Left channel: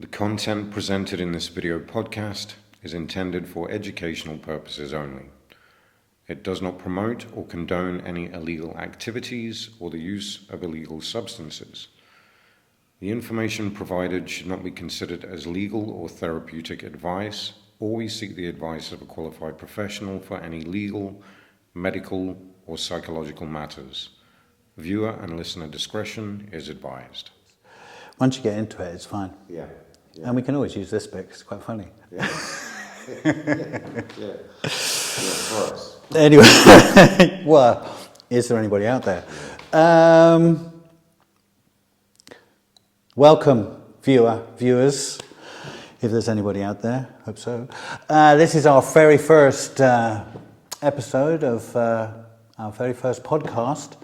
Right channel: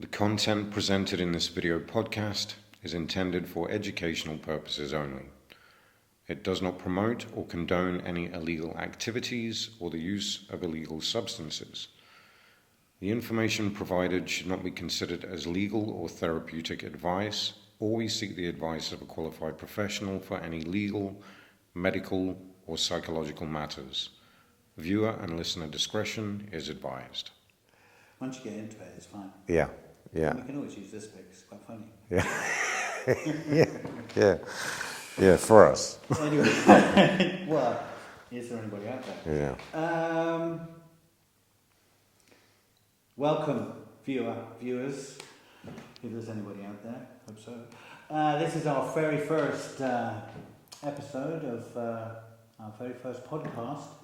The content presented in this video podcast is intended for educational purposes only. It does not promote or condone any illegal activities or the use of illegal substances. The information provided should not be considered as legal or therapeutic advice. Always seek the advice of a qualified professional for any legal, medical, or psychological matters. Viewer and listener discretion is advised. Once you get into it, it's fine. Yeah. And we can always use this bit 'cause it's quite funny. Yeah, for us. Anyway, well, is there anybody out there? Yeah. Welcome, viewers, if there's anybody out there, hope so. This is our very first episode of our very first podcast,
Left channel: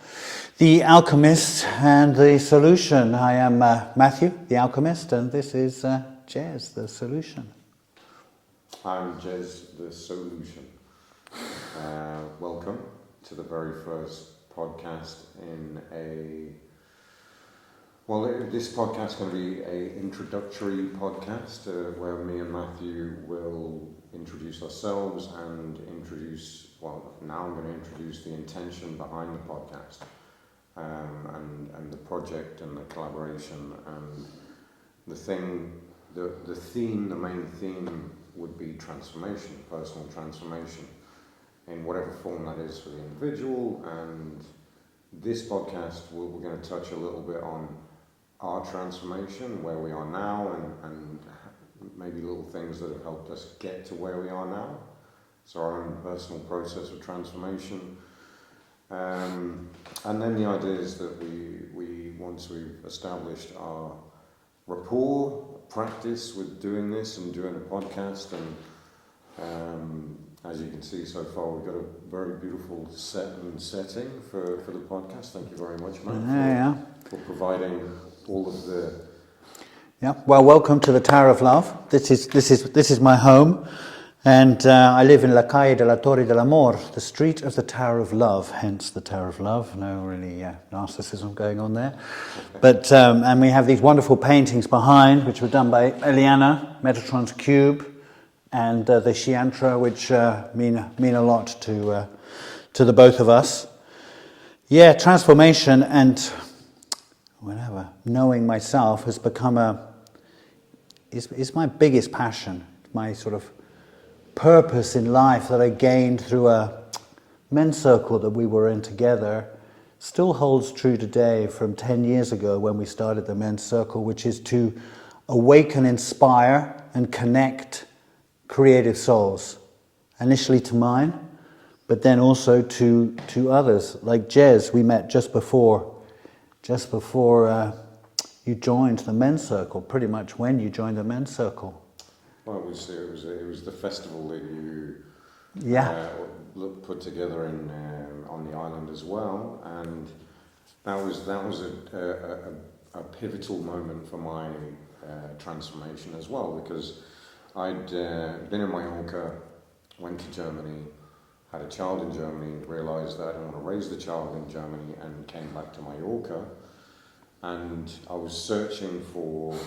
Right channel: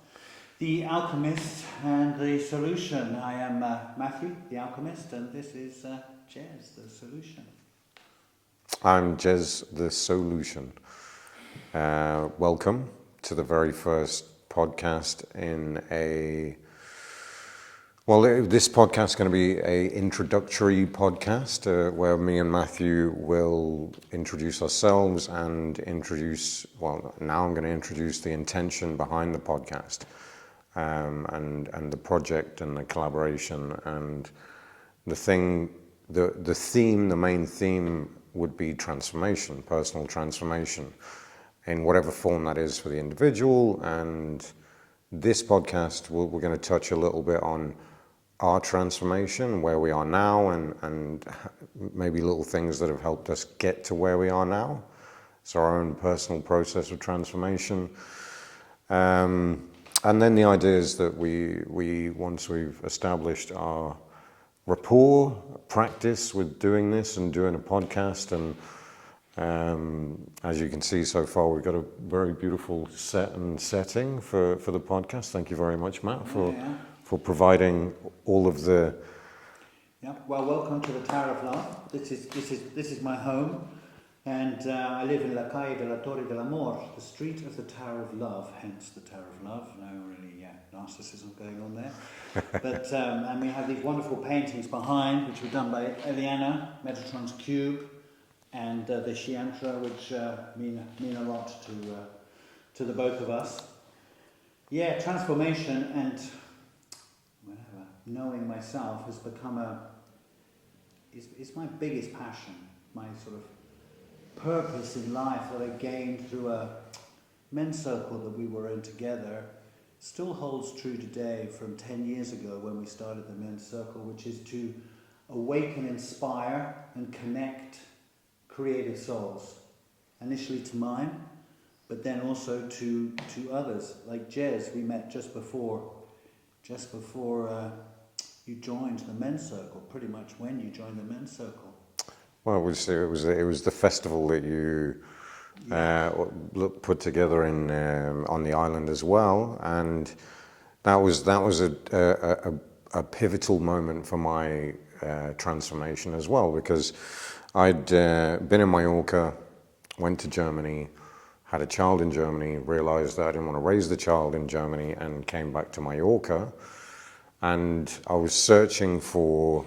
The Alchemist and The Solution. I am Matthew, the Alchemist, and this is Jez, the Solution. I'm Jez, the Solution. Welcome to the very first podcast in a... Well, this podcast is going to be an introductory podcast where me and Matthew will introduce ourselves and now I'm going to introduce the intention behind the podcast. And the project and the collaboration and the main theme would be transformation, personal transformation, in whatever form that is for the individual. And this podcast, we're going to touch a little bit on our transformation, where we are now, and maybe little things that have helped us get to where we are now. It's our own personal process of transformation. And then the idea is that we once we've established our rapport, practice with doing this and doing a podcast, and as you can see so far, we've got a very beautiful setting for the podcast. Thank you very much, Matt, for providing all of the... Yeah, well, welcome to the Tower of Love. This is my home. And I live in La Calle de la Torre del Amor, the street of the Tower of Love, hence the Tower of Love. No really narcissism going on there. But and we have these wonderful paintings behind, which were done by Eliana, Metatron's Cube, and the Chiantra, which mean a lot to the both of us. Yeah, transformation and whatever, knowing myself has become is my biggest passion, my sort of purpose in life that I gained through a men's circle that we were in together. Still holds true today from 10 years ago when we started the men's circle, which is to awaken, inspire and connect creative souls, initially to mine, but then also to others. Like Jez, we met just before you joined the men's circle, pretty much when you joined the men's circle. Well, it was the festival that you put together on the island as well, and that was a pivotal moment for my transformation as well, because I'd been in Mallorca, went to Germany, had a child in Germany, realised that I didn't want to raise the child in Germany, and came back to Mallorca, and I was searching for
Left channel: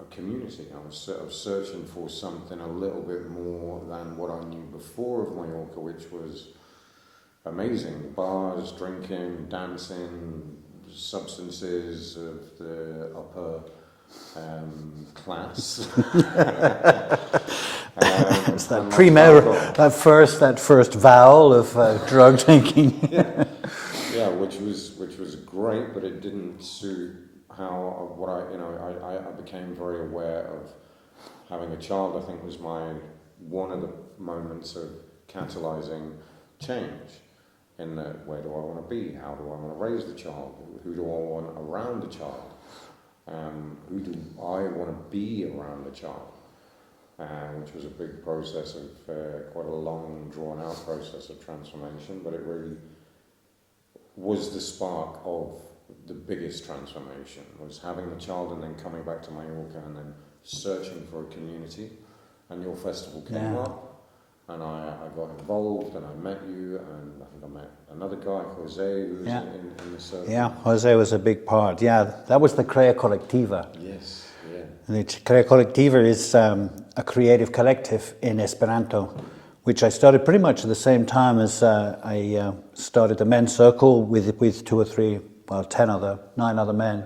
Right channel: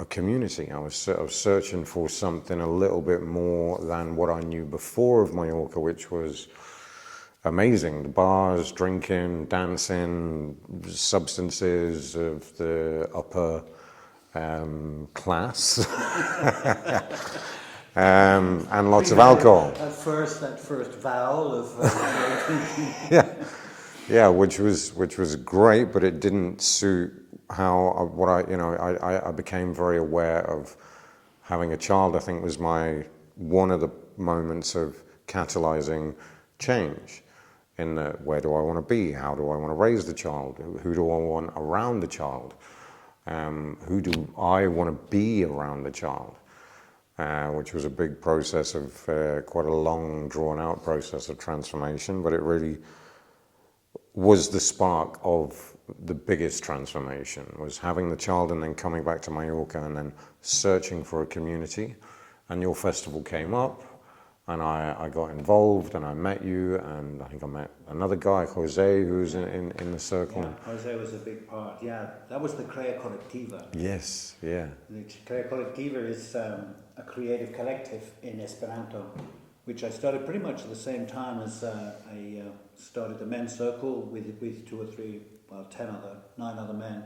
a community. I was searching for something a little bit more than what I knew before of Mallorca, which was amazing. The bars, drinking, dancing, substances of the upper class, and lots of alcohol. That first vowel of drug drinking. Yeah, which was great, but it didn't suit how I became very aware of having a child. I think was one of the moments of catalyzing change in that, where do I want to be? How do I want to raise the child? Who do I want around the child? Who do I want to be around the child? Which was a big process of quite a long, drawn-out process of transformation, but it really was the spark of the biggest transformation, was having the child and then coming back to Mallorca and then searching for a community. And your festival came up, and I got involved, and I met you, and I think I met another guy, Jose, who was in the circle. Yeah, Jose was a big part. Yeah, that was the Crea Colectiva. Yes, yeah. The Crea Colectiva is a creative collective in Esperanto, which I started pretty much at the same time as I started the men's circle with 2 or 3, well, 9 other men.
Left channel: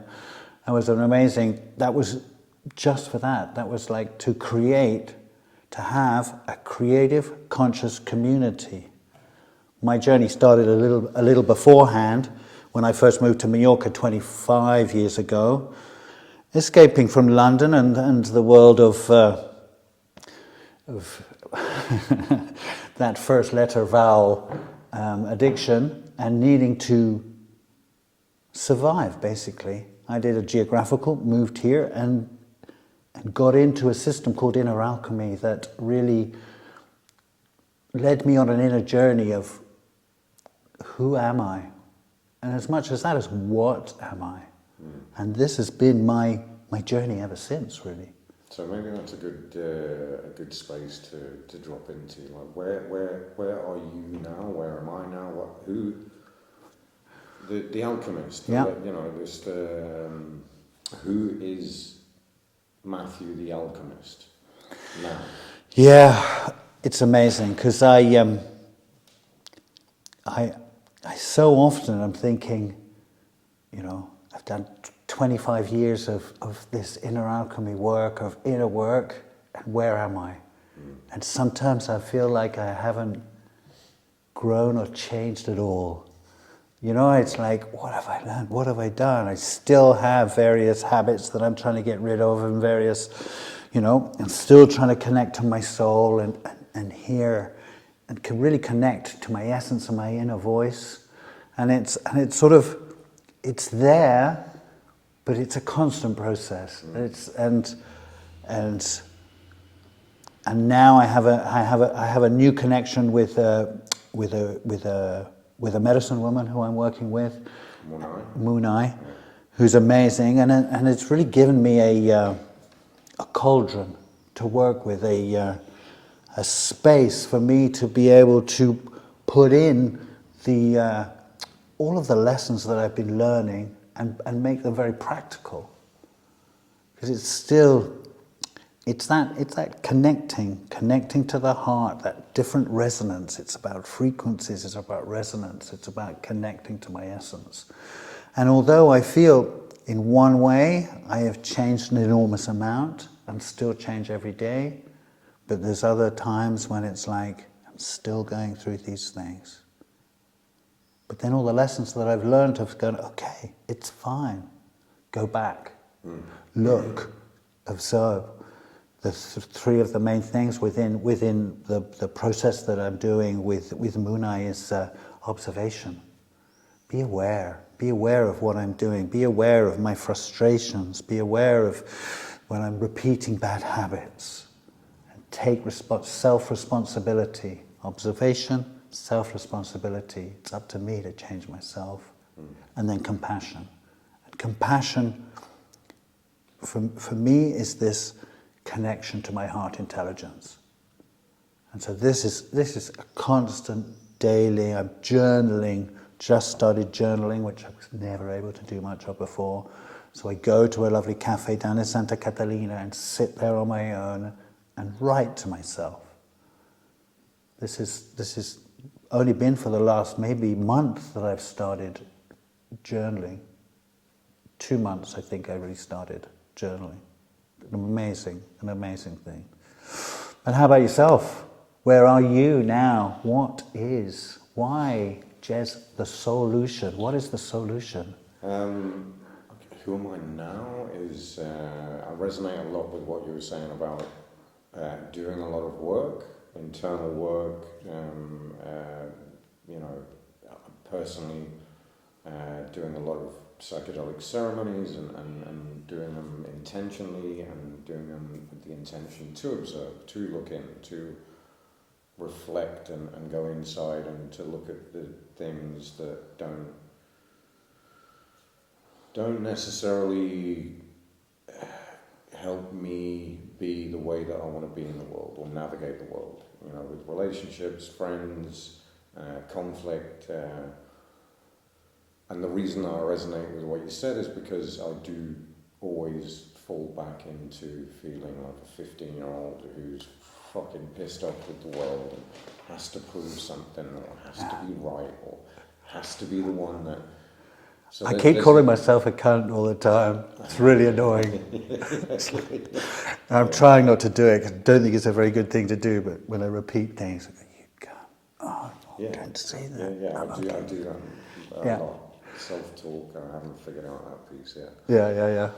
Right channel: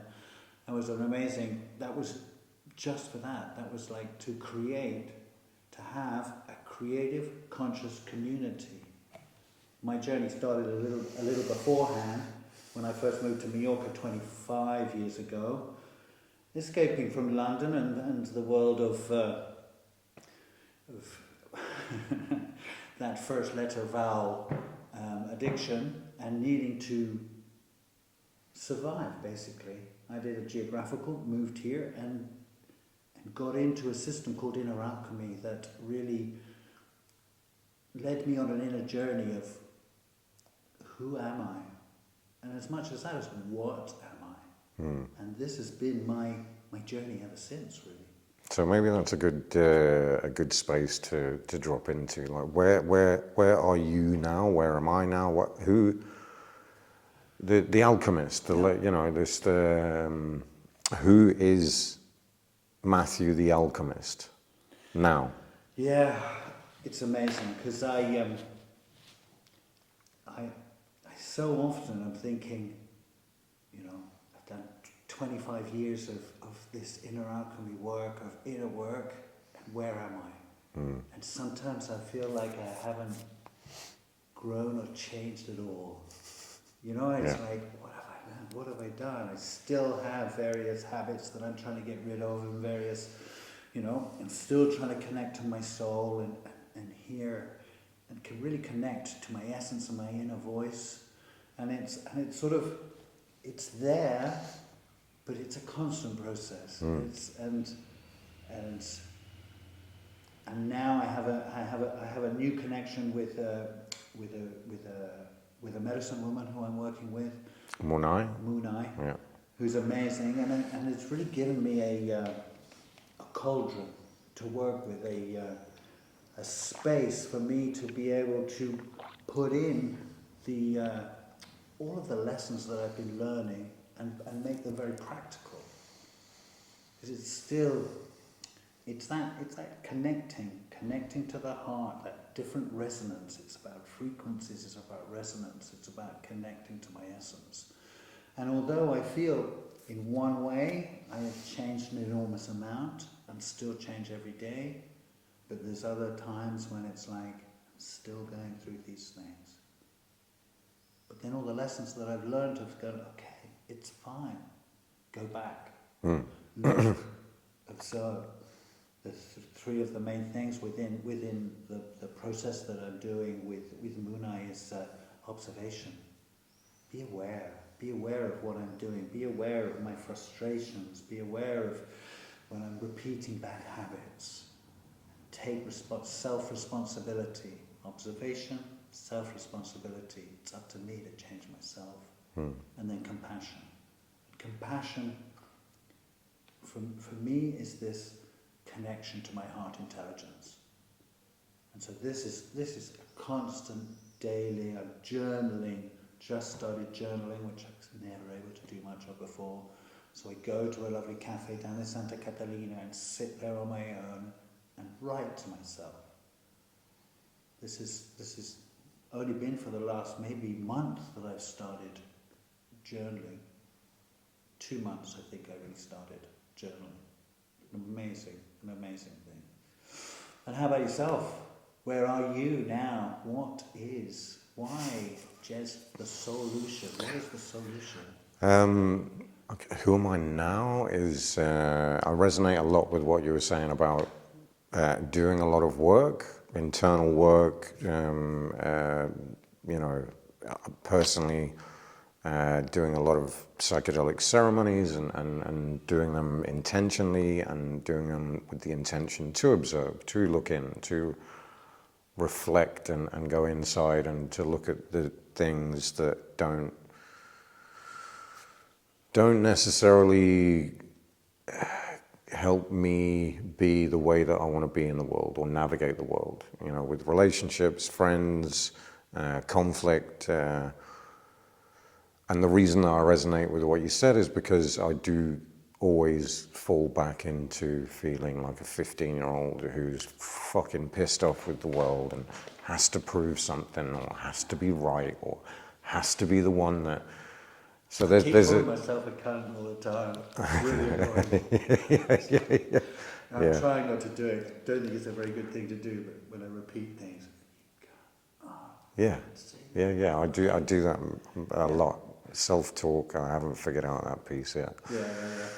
That was an amazing, that was just for that. That was like to have a creative, conscious community. My journey started a little beforehand when I first moved to Mallorca 25 years ago, escaping from London and the world of that first letter vowel addiction and needing to survive, basically. I did a geographical, moved here, and got into a system called inner alchemy that really led me on an inner journey of who am I? And as much as that is what am I? And this has been my journey ever since, really. So maybe that's a good space to drop into. Like where are you now? Where am I now? The alchemist? You know, this who is Matthew the alchemist now? Yeah, it's amazing because I so often I'm thinking, you know, I've done 25 years of this inner alchemy work, of inner work, and where am I? And sometimes I feel like I haven't grown or changed at all. You know, it's like, what have I learned? What have I done? I still have various habits that I'm trying to get rid of, and various, you know, I'm still trying to connect to my soul and hear and can really connect to my essence and my inner voice. And it's sort of, it's there, but it's a constant process. And now I have a new connection with a medicine woman who I'm working with, Munai, who's amazing, and it's really given me a cauldron to work with, a space for me to be able to put in the all of the lessons that I've been learning and make them very practical. Because it's that connecting to the heart, that different resonance. It's about frequencies, it's about resonance, it's about connecting to my essence. And although I feel in one way I have changed an enormous amount, and still change every day, but there's other times when it's like, I'm still going through these things. But then all the lessons that I've learned have gone, okay, it's fine. Go back. Look. Observe. The 3 of the main things within the process that I'm doing with Munai is observation. Be aware. Be aware of what I'm doing. Be aware of my frustrations. Be aware of when I'm repeating bad habits. And take self-responsibility. Observation, self-responsibility. It's up to me to change myself. And then compassion. And compassion, for me, is this connection to my heart intelligence. And so this is a constant daily. I'm journaling, just started journaling, which I was never able to do much of before. So I go to a lovely cafe down in Santa Catalina and sit there on my own and write to myself. This is only been for the last maybe month that I've started journaling. 2 months, I think I really started journaling. An amazing thing. And how about yourself? Where are you now? Why, Jez, the Soulution? What is the solution? Okay, who am I now is, I resonate a lot with what you were saying about doing a lot of work, internal work, you know, personally doing a lot of psychedelic ceremonies and doing them intentionally and doing them with the intention to observe, to look in, to reflect and go inside and to look at the things that don't necessarily help me be the way that I want to be in the world, or navigate the world, you know, with relationships, friends, conflict. And the reason that I resonate with what you said is because I do always fall back into feeling like a 15-year-old who's fucking pissed off with the world and has to prove something, or has to be right, or has to be the one that... So I keep calling myself a cunt all the time. It's really annoying. I'm trying not to do it, 'cause I don't think it's a very good thing to do, but when I repeat things, I go, you cunt. Oh, don't say that. Yeah, I do that a lot. Self-talk, I haven't figured out that piece yet. Yeah.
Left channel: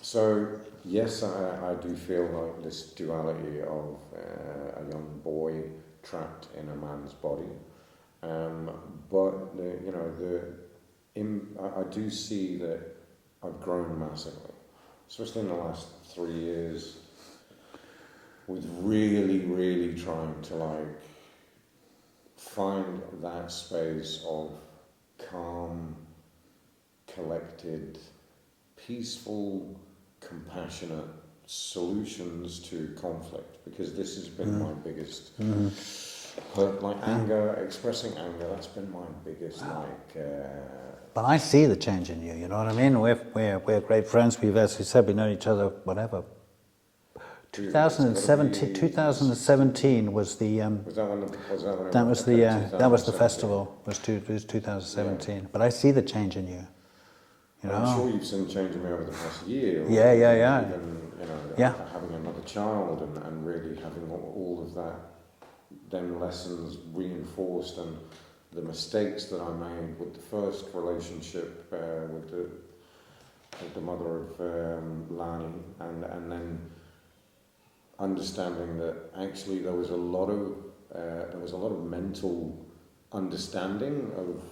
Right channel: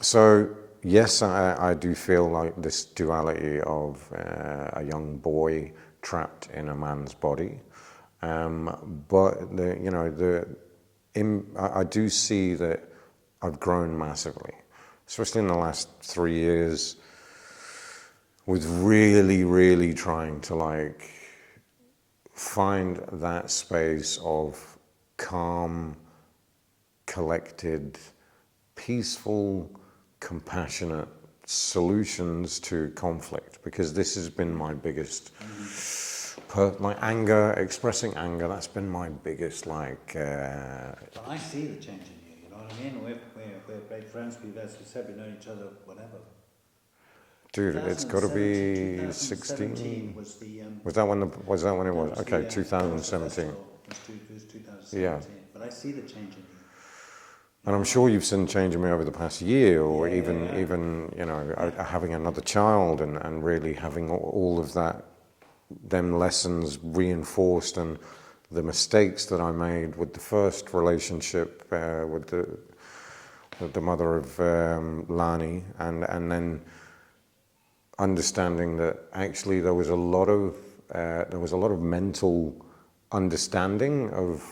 So, yes, I do feel like this duality of a young boy trapped in a man's body. But I do see that I've grown massively, especially in the last 3 years, with really trying to like find that space of calm, collected, peaceful, compassionate solutions to conflict, because this has been my biggest... my anger, expressing anger, that's been my biggest, like... But I see the change in you, you know what I mean? We're great friends. As we said, we've known each other, whatever. Dude, 2017 was the... was that when it was? That was the festival, it was 2017. But I see the change in you. And I'm sure you've seen change in me over the past year, or even you know, having another child, and really having all of that, them lessons reinforced, and the mistakes that I made with the first relationship with the mother of Lani, and then understanding that actually there was a lot of mental understanding of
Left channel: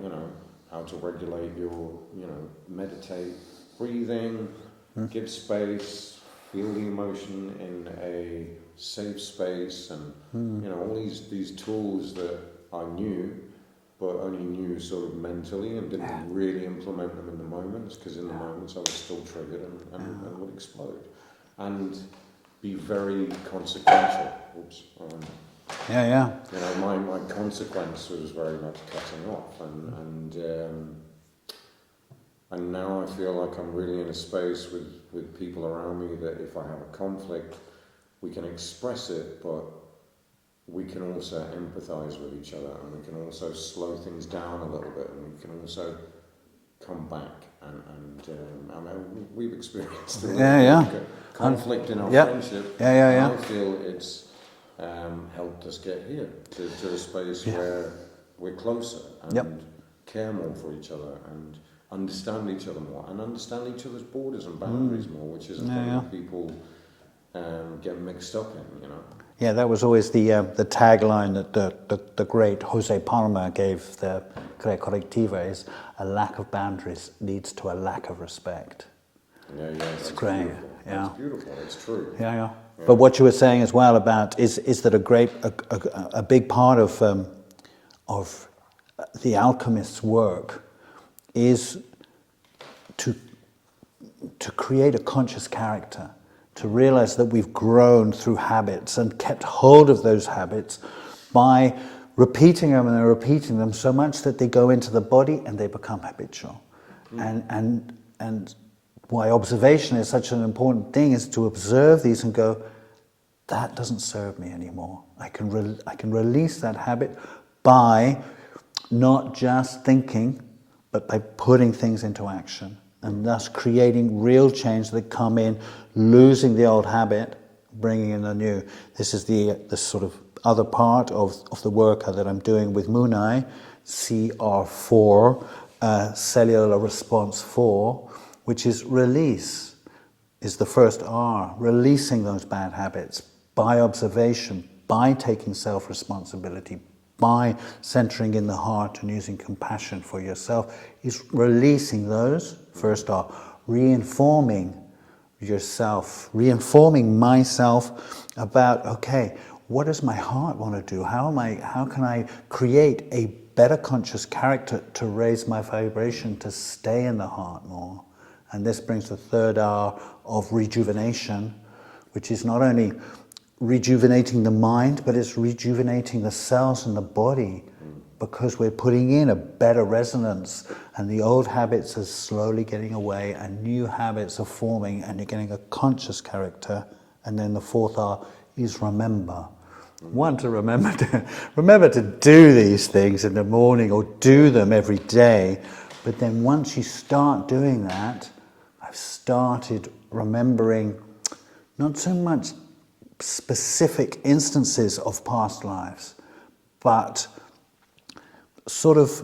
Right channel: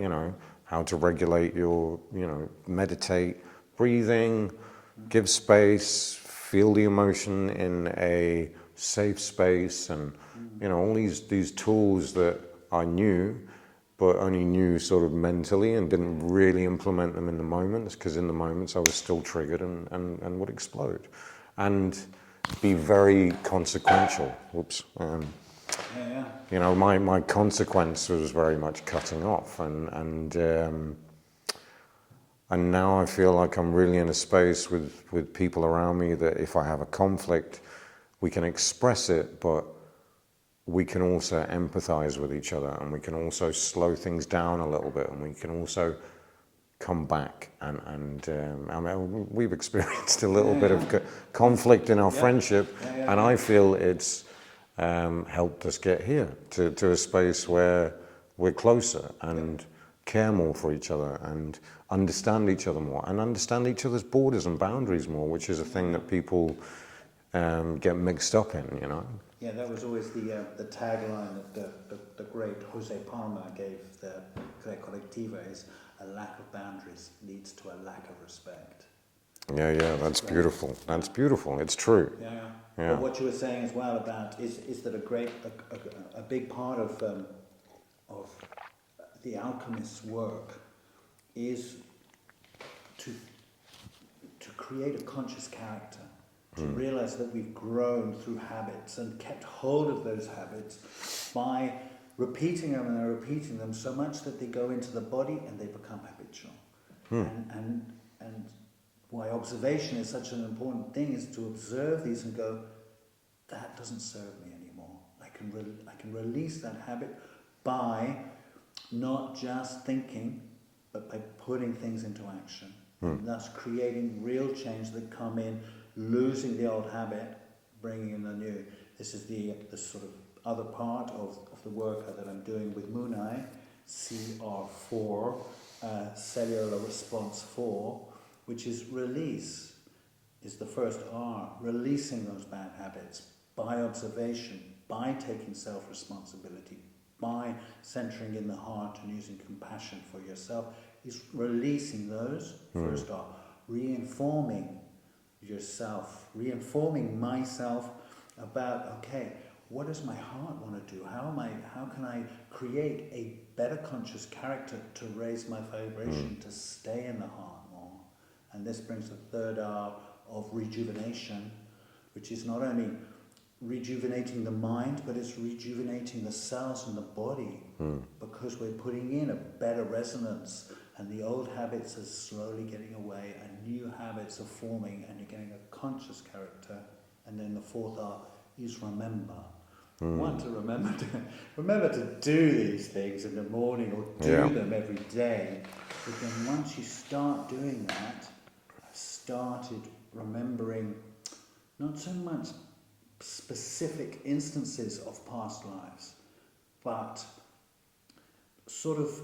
you know, how to regulate your, you know, meditate, breathing, give space, feel the emotion in a safe space, and you know, all these tools that I knew, but only knew sort of mentally, and didn't really implement them in the moments, because in the moments I was still triggered and would explode, and be very consequential. Whoops. You know, my consequence was very much cutting off, and now I feel like I'm really in a space with people around me that if I have a conflict, we can express it, but we can also empathize with each other, and we can also slow things down a little bit, and we can also come back, and I mean, we've experienced a little bit of conflict in our friendship, and I feel it's helped us get here to a space where we're closer, and care more for each other, and understand each other more, and understand each other's borders and boundaries more, which is a thing that people get mixed up in, you know. Yeah, that was always the tagline that the great Jose Palma gave the Crea Colectiva, is a lack of boundaries leads to a lack of respect. Yeah, that's beautiful. That's beautiful. It's true. Yeah. But what you were saying as well about is that a big part of the alchemist's work is to create a conscious character, to realize that we've grown through habits and kept hold of those habits by repeating them and repeating them so much that they go into the body and they become habitual. And why observation is such an important thing is to observe these and go, that doesn't serve me anymore. I can release that habit by not just thinking, but by putting things into action, and thus creating real change that come in, losing the old habit, bringing in the new. This is the sort of other part of the work that I'm doing with Munai, CR4, cellular response 4, which is release, is the first R, releasing those bad habits by observation, by taking self-responsibility, by centering in the heart and using compassion for yourself, is releasing those, first R, reinforming yourself, reinforming myself about, okay, what does my heart want to do? How can I create a better conscious character to raise my vibration, to stay in the heart more? And this brings the third R of rejuvenation, which is not only rejuvenating the mind, but it's rejuvenating the cells in the body, because we're putting in a better resonance, and the old habits are slowly getting away and new habits are forming, and you're getting a conscious character. And then the fourth R is remember. One, to remember to do these things in the morning, or do them every day. But then once you start doing that, I've started remembering not so much specific instances of past lives, but sort of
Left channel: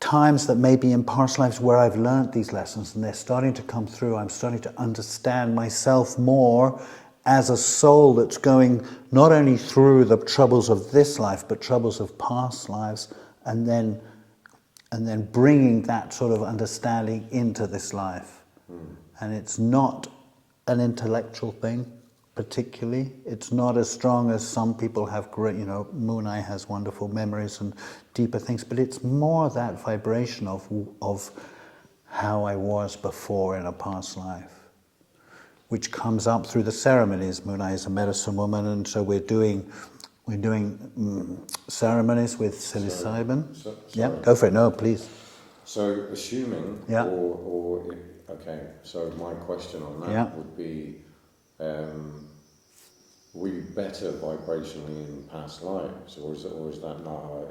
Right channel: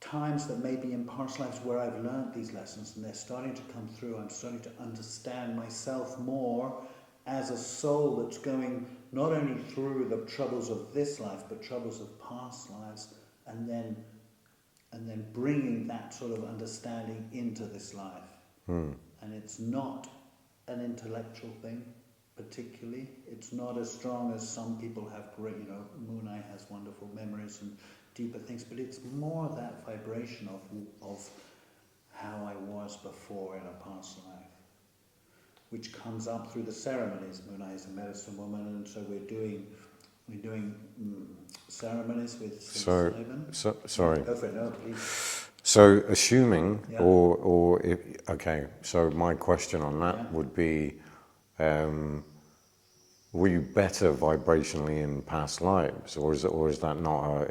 times that maybe in past lives where I've learned these lessons and they're starting to come through. I'm starting to understand myself more as a soul that's going not only through the troubles of this life, but troubles of past lives, and then bringing that sort of understanding into this life. And it's not an intellectual thing, particularly. It's not as strong as some people have great, Moonai has wonderful memories and deeper things, but it's more that vibration of how I was before in a past life, which comes up through the ceremonies. Moonai is a medicine woman, and so we're doing ceremonies with psilocybin. Sorry. Yeah, go for it. No, please. So assuming, Yeah. okay, so my question on that would be, were you better vibrationally in past lives, or is that not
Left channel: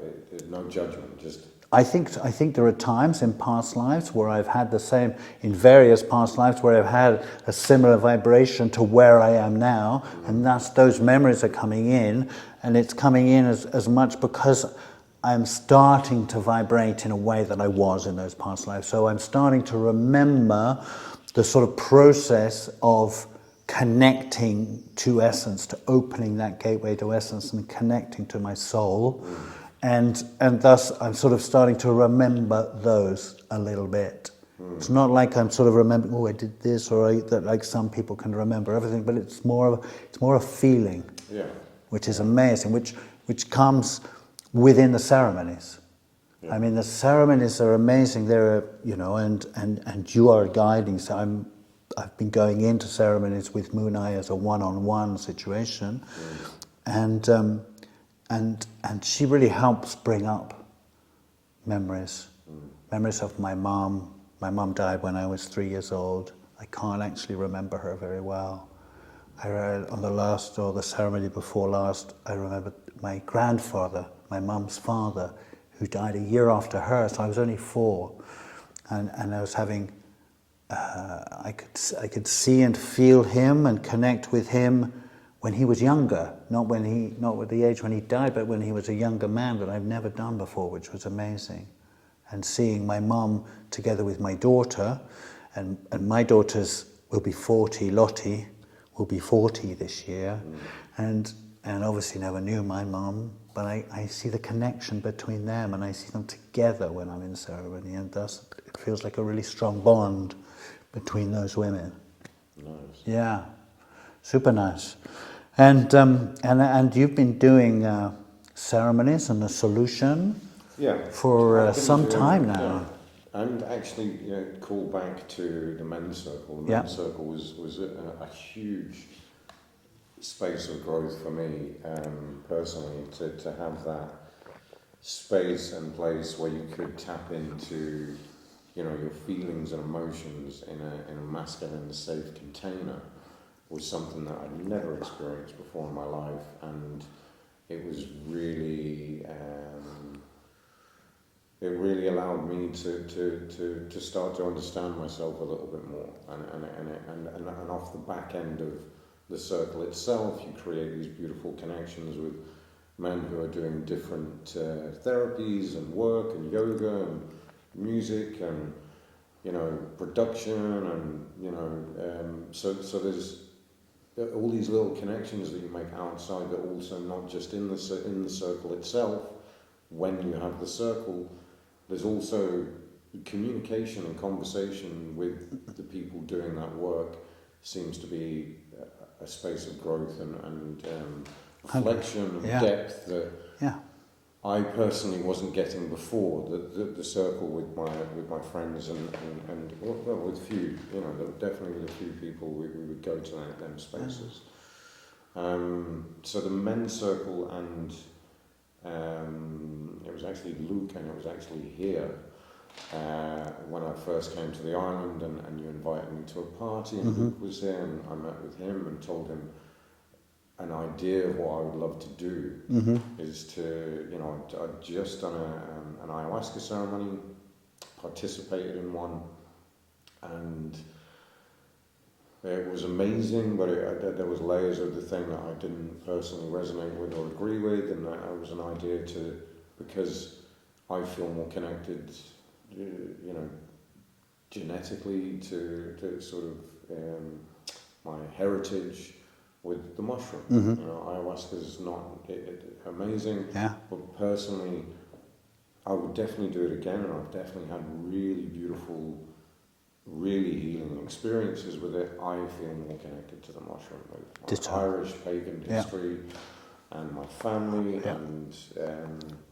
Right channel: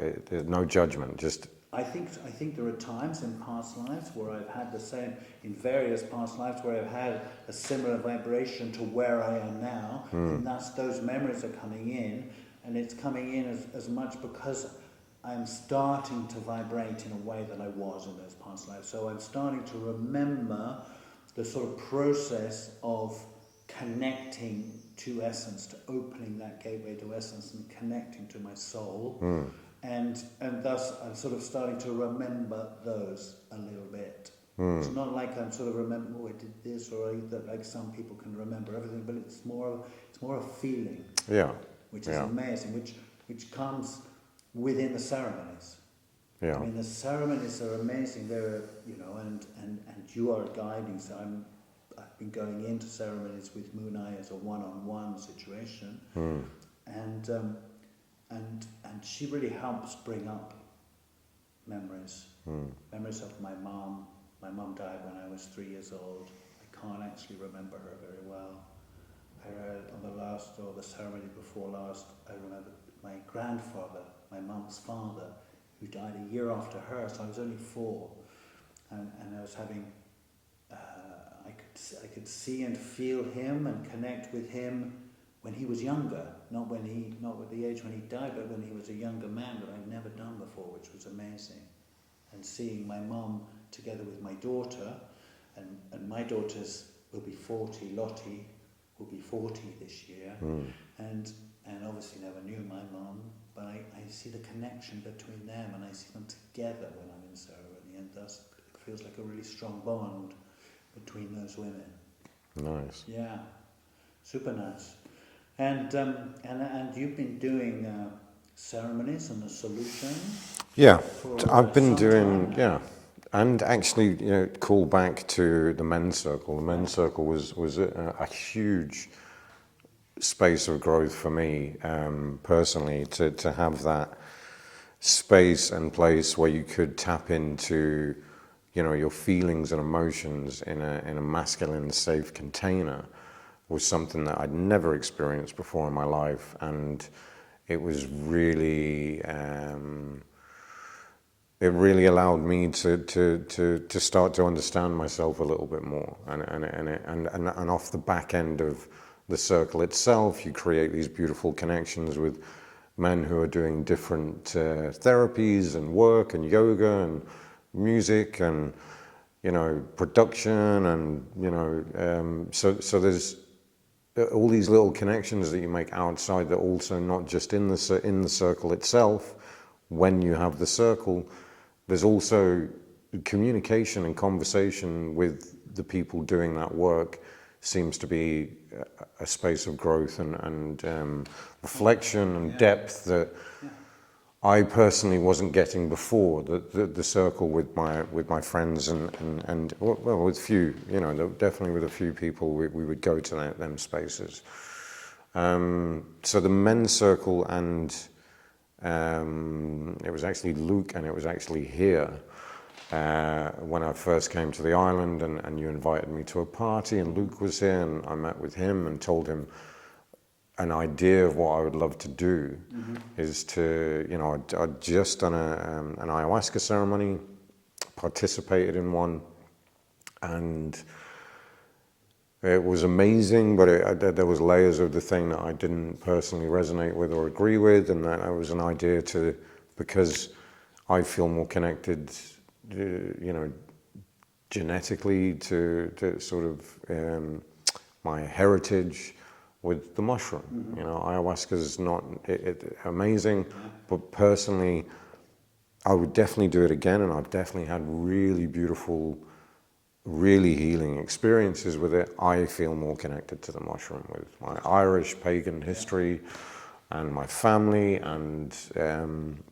no judgment? Just I think there are times in past lives where I've had the same, in various past lives where I've had a similar vibration to where I am now, and those memories are coming in, and it's coming in as much because I'm starting to vibrate in a way that I was in those past lives. So I'm starting to remember the sort of process of connecting to essence, to opening that gateway to essence and connecting to my soul. And thus I'm sort of starting to remember those a little bit. It's not like I'm sort of remembering, oh, I did this, or that like some people can remember everything, but it's more a feeling, which is amazing, which comes within the ceremonies. Yeah. I mean, the ceremonies are amazing. They're, and you are guiding. So I've been going into ceremonies with Moonai as a one-on-one situation, and she really helps bring up memories. Memories of my mom. My mom died when I was 3 years old. I can't actually remember her very well. On the ceremony before last, I remember my grandfather, my mum's father, who died a year after her, so I was only 4, and I was having, I could see and feel him and connect with him when he was younger, not with the age when he died, but when he was a younger man, that I've never done before, which was amazing. And seeing my mum together with my daughter, and my daughters will be 40, Lottie will be 40 this year, and obviously never knew my mum, but I see the connection between them, and I see them together when I'm in ceremony, and thus it feels like a really strong bond between those women. nice. Yeah, super nice. And you've been doing ceremonies and the solution for I've been some doing, time now. Yeah. And actually, call back to the men's circle. The men's circle was a huge space of growth for me personally, to have that space and place where you could tap into your feelings and emotions in a masculine safe container was something that I'd never experienced before in my life, and it was really it really allowed me to start to understand myself a little bit more, and off the back end of the circle itself, you create these beautiful connections with men who are doing different therapies and work and yoga and music and production, and so there's all these little connections that you make outside that also not just in the circle itself. When you have the circle, there's also communication and conversation with the people doing that work seems to be a space of growth and reflection and depth that I personally wasn't getting before the circle with my friends and well, with few, you know, definitely with a few people we would go to them spaces. So the men's circle, and it was actually Luke, and it was actually here when I first came to the island, and you invited me to a party, and Luke was here, and I met with him and told him an idea of what I would love to do is to, you know, I'd just done an ayahuasca ceremony, participated in one, and it was amazing, but there was layers of the thing that I didn't personally resonate with or agree with, and that was an idea to, because I feel more connected, you know, genetically to sort of my heritage with the mushroom. You know, ayahuasca is not amazing, but personally, I would definitely do it again, and I've definitely had really beautiful, really healing experiences with it. I feel more connected to the mushroom with my Irish pagan history and my family, and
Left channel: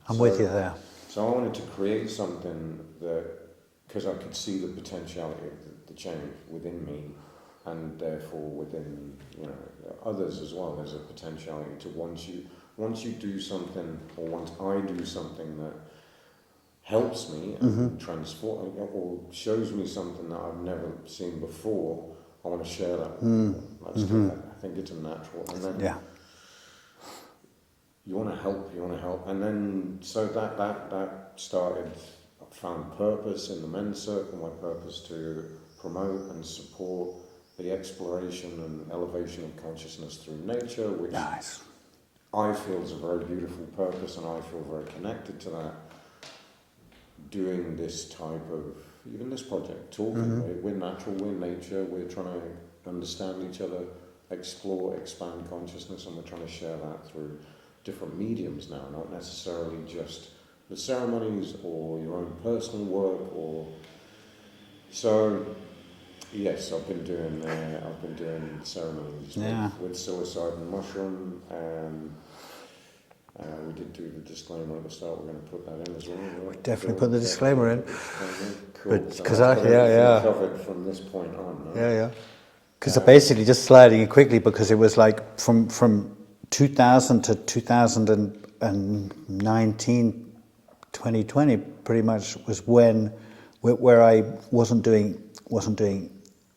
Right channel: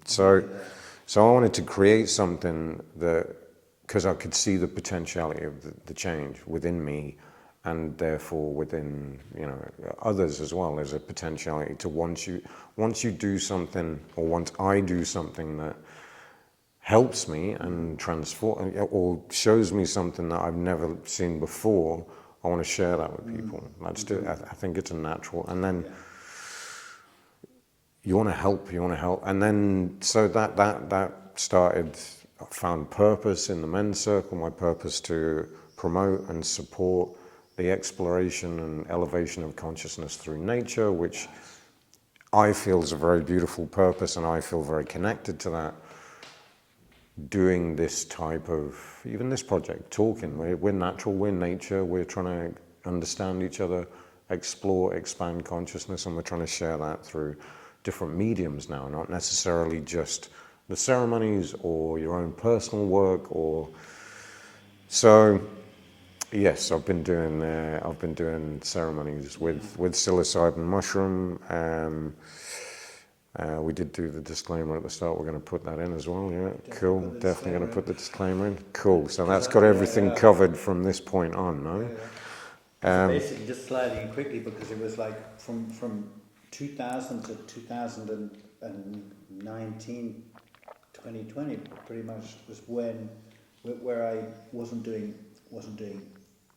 so I wanted to create something that, because I could see the potentiality of the change within me, and therefore within, you know, others as well. There's a potentiality to once you do something, or once I do something that helps me and transform, or shows me something that I've never seen before, I want to share that with people. Let's do that. I think it's a natural, and then you want to help, and then so that started. I found purpose in the men's circle. My purpose to promote and support the exploration and elevation of consciousness through nature, which I feel is a very beautiful purpose, and I feel very connected to that. Doing this type of, even this project, talking, we're natural, we're nature, we're trying to understand each other, explore, expand consciousness, and we're trying to share that through different mediums now, not necessarily just the ceremonies or your own personal work, or so. Yes, I've been doing ceremonies with psilocybin mushroom. We did do the disclaimer at the start. We're going to put that in as well. Yeah, definitely put the disclaimer in. Put the disclaimer in. Cool. So that's got everything covered from this point on, no? Yeah. Because basically, just sliding it quickly, because it was like from 2000 to 2019, 2020, pretty much was where I wasn't doing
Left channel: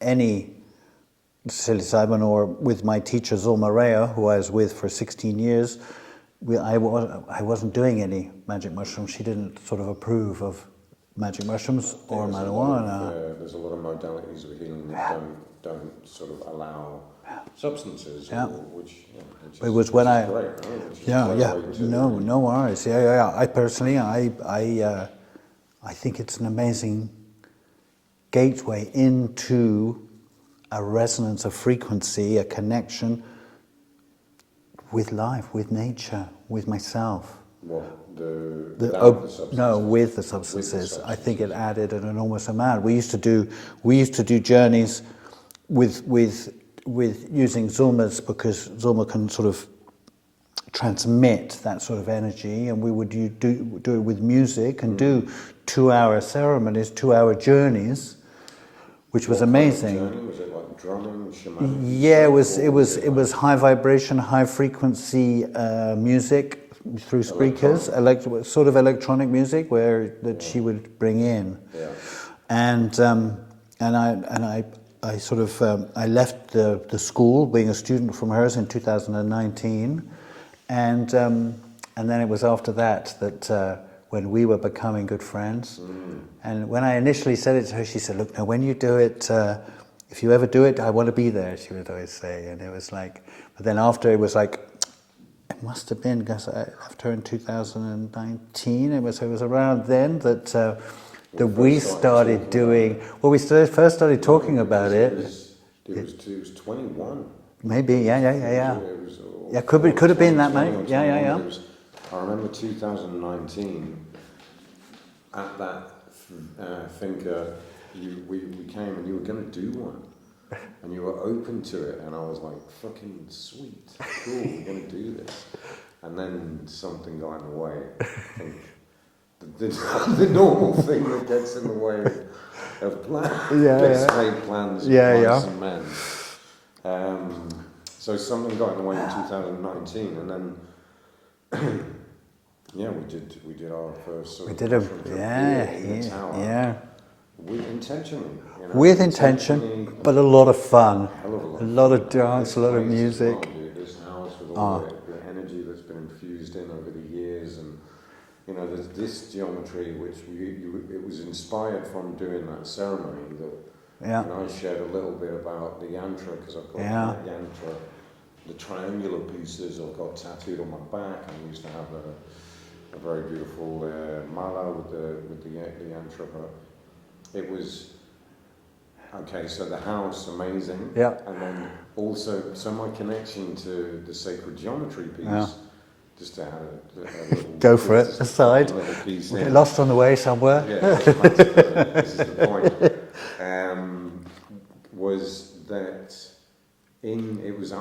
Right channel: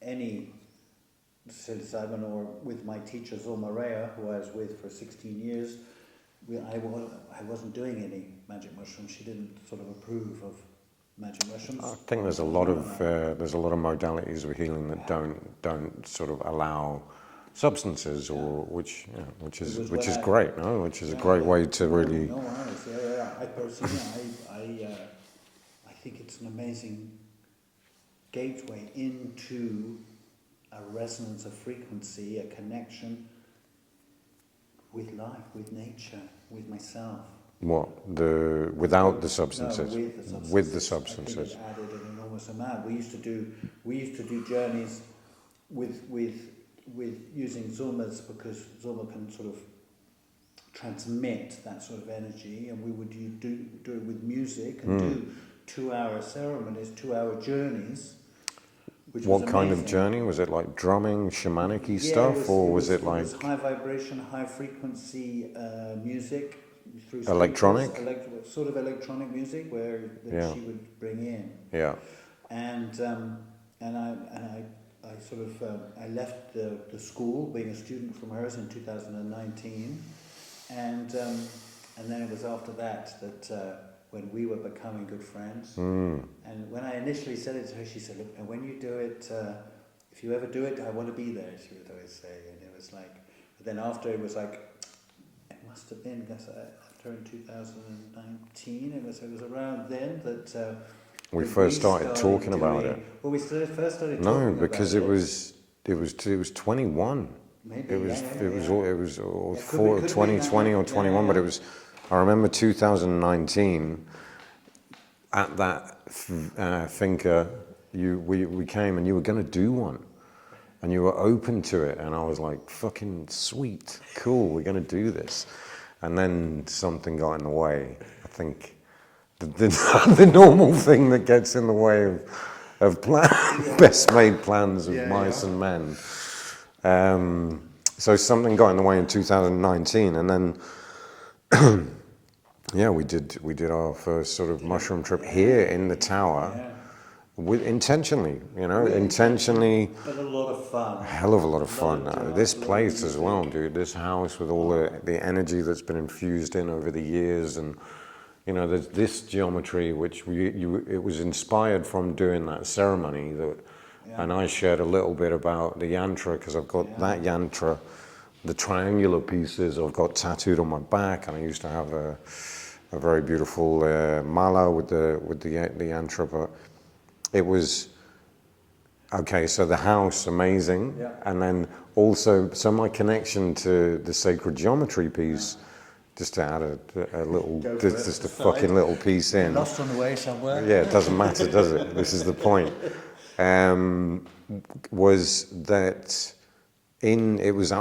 any psilocybin, or with my teacher Zulma Rea, who I was with for 16 years. I wasn't doing any magic mushrooms. She didn't sort of approve of magic mushrooms. I think there's a lot of modalities of healing that don't sort of allow substances, or which is great, no? Which is a great way to really. No worries. I personally, I think it's an amazing gateway into a resonance of frequency, a connection with life, with nature, with myself. Without the substances? No, with the substances. I think it added an enormous amount. We used to do journeys with using Zulma's, because Zulma can sort of transmit that sort of energy, and we would do it with music and do 2-hour ceremonies, 2-hour journeys, which was amazing. What kind of journey? Was it like drumming, shamanic stuff? Yeah, it was high vibration, high frequency music through speakers, sort of electronic music she would bring in. Yeah. And I sort of I left the school, being a student from hers, in 2019, and then it was after that when we were becoming good friends. And when I initially said it to her, she said, "Look, now when you do it, if you ever do it, I want to be there," she would always say. And it was like, but then after, it was like, it must have been, because I left her in 2019, it was around then that we started doing, well, we first started talking about it. It was 21. Maybe, yeah. It was could have been that 20 or 21, but it was, I remember 2019, at that Finca, we came and you were going to do one, and you were open to it, and I was like, fucking sweet, cool, we're going to do this. and then something got in the way. I think the normal thing that gets in the way of best made plans of mice and men. So something got in the way in 2019, and then we did our first sort of mushroom trip here in the tower. Yeah. Intentionally, With intention, but a lot of fun. A hell of a lot of fun. A lot of dance, this a lot place of music. as well, dude. This house with all the energy that's been infused in over the years, and there's this geometry which it was inspired from doing that ceremony and I shared a little bit about the yantra because I've got that yantra, the triangular pieces I've got tattooed on my back, and I used to have a very beautiful mala with the yantra, but it was okay. So the house, amazing, and then also my connection to the sacred geometry piece. Just to add a little, go for it. Just a fucking little piece in. Lost on the way somewhere. Yeah, it doesn't matter, does it? This is the point. Was that it was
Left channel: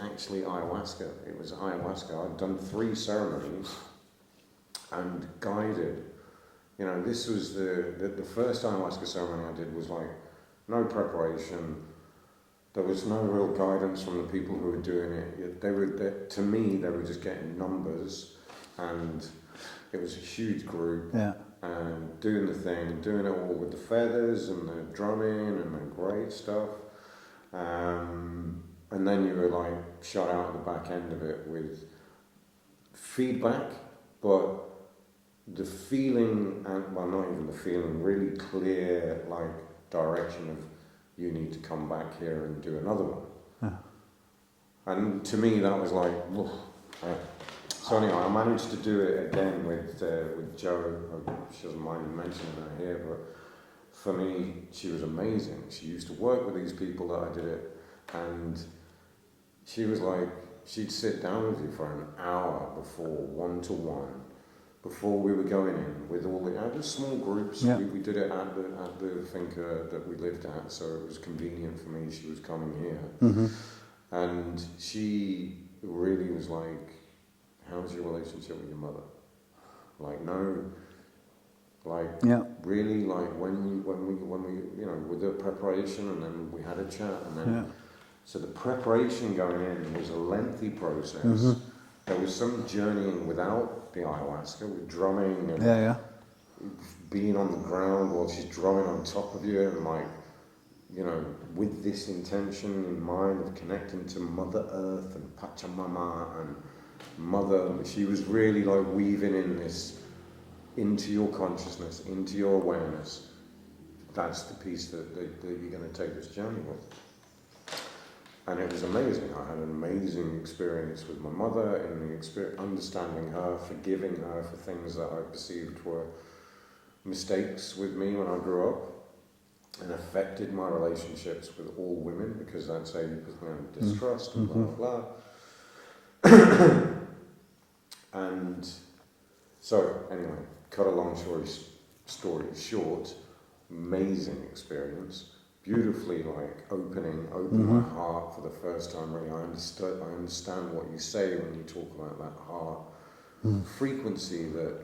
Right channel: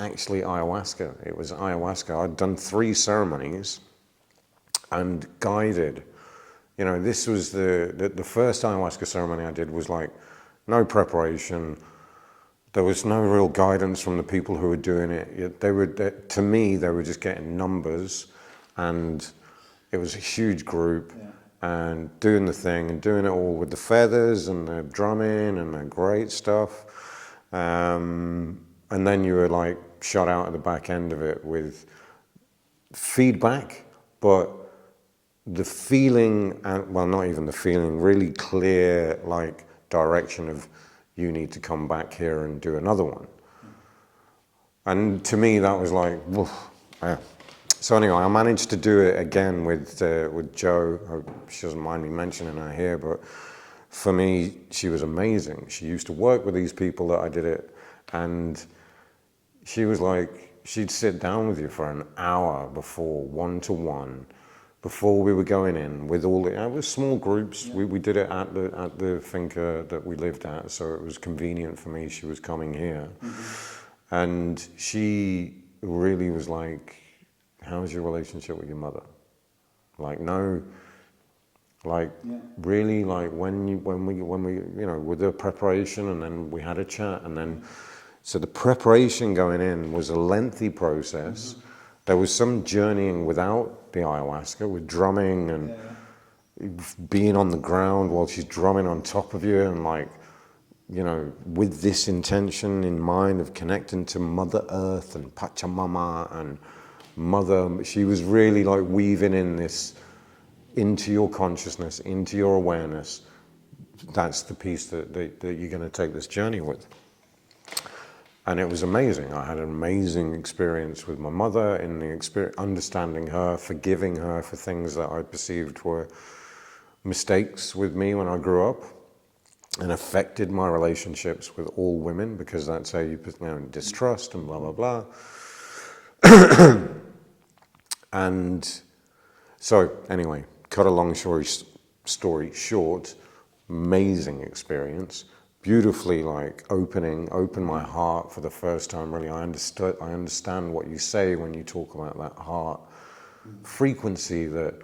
actually ayahuasca. It was ayahuasca. I'd done 3 ceremonies and guided. This was the first ayahuasca ceremony I did was like no preparation. There was no real guidance from the people who were doing it. To me, they were just getting numbers, and it was a huge group, and doing the thing and doing it all with the feathers and the drumming and the great stuff. And then you were like shot out at the back end of it with feedback, but the feeling, not even the feeling, really clear like direction of, you need to come back here and do another one. And to me, that was like, woof. So anyway, I managed to do it again with Jo. She doesn't mind me mentioning her here, but for me, she was amazing. She used to work with these people that I did it, and she was like, she'd sit down with you for an hour before, one-to-one, before we were going in with all the, it was small groups. We did it at the finca that we lived at, so it was convenient for me. She was coming here, and she really was like, "How's your relationship with your mother?" Like, no, like really, like when we with the preparation, and then we had a chat, and then so the preparation going in was a lengthy process. There was some journeying without the ayahuasca, with drumming and being on the ground while she's drumming on top of you, and like, with this intention in mind of connecting to Mother Earth and Pachamama and Mother. She was really like weaving in this into your consciousness, into your awareness. That's the piece that you're going to take this journey with. And it was amazing. I had an amazing experience with my mother in the experience, understanding her, forgiving her for things that I perceived were mistakes with me when I grew up, and affected my relationships with all women, because that's how you distrust and blah, blah, blah. And so anyway, cut a long story short, amazing experience. Beautifully like opened my heart for the first time, really. I understand what you say when you talk about that heart frequency, that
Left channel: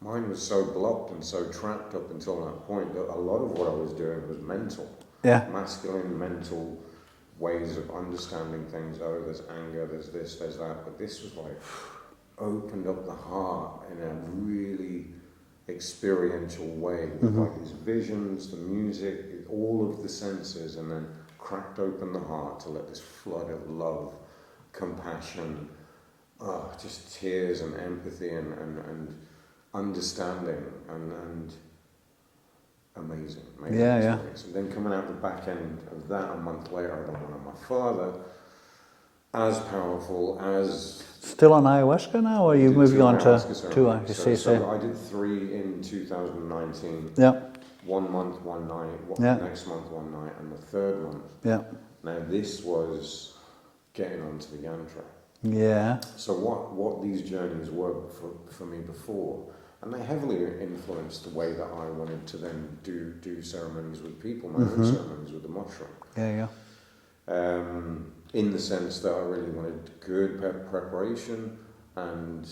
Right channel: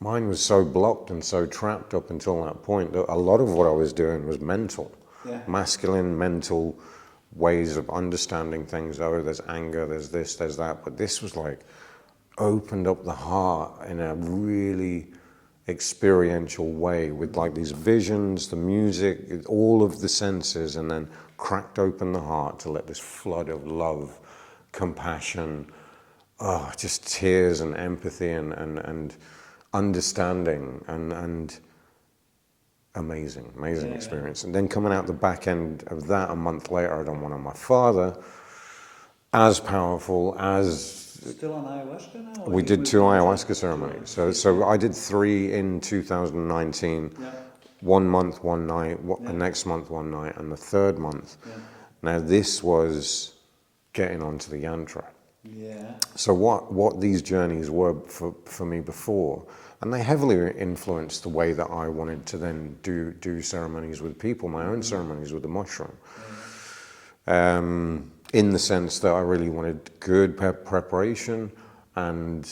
mine was so blocked and so trapped up until that point that a lot of what I was doing was mental. Masculine, mental ways of understanding things. Oh, there's anger, there's this, there's that. But this was like opened up the heart in a really experiential way, with like these visions, the music, all of the senses, and then cracked open the heart to let this flood of love, compassion, just tears and empathy and understanding and amazing experience. And then coming out the back end of that, a month later, I done one on my father, as powerful, as... Still on ayahuasca now? Or we you did moved 2 on ayahuasca to ceremonies. So I did 3 in 2019. 1 month, 1 night, next month 1 night, and the 3rd month. Now this was getting onto the yantra. So what these journeys were for me before, and they heavily influenced the way that I wanted to then do ceremonies with people, my own ceremonies with the mushroom. In the sense that I really wanted good preparation, and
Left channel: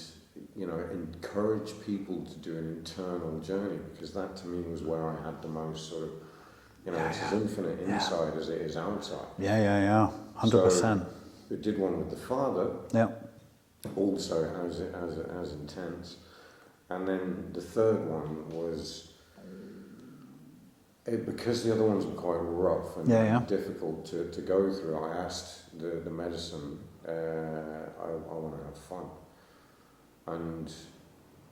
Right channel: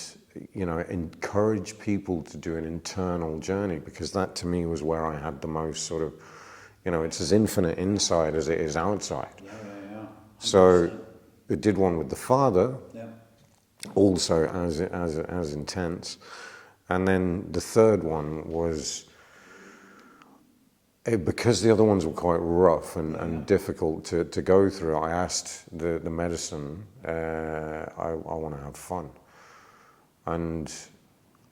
encourage people to do an internal journey, because that to me was where I had the most sort of, it's as infinite inside as it is outside. Yeah. 100%. So we did one with the father, Yeah. also as intense, and then the third one was, because the other ones were quite rough and difficult to go through. I asked the medicine, I want to have fun. And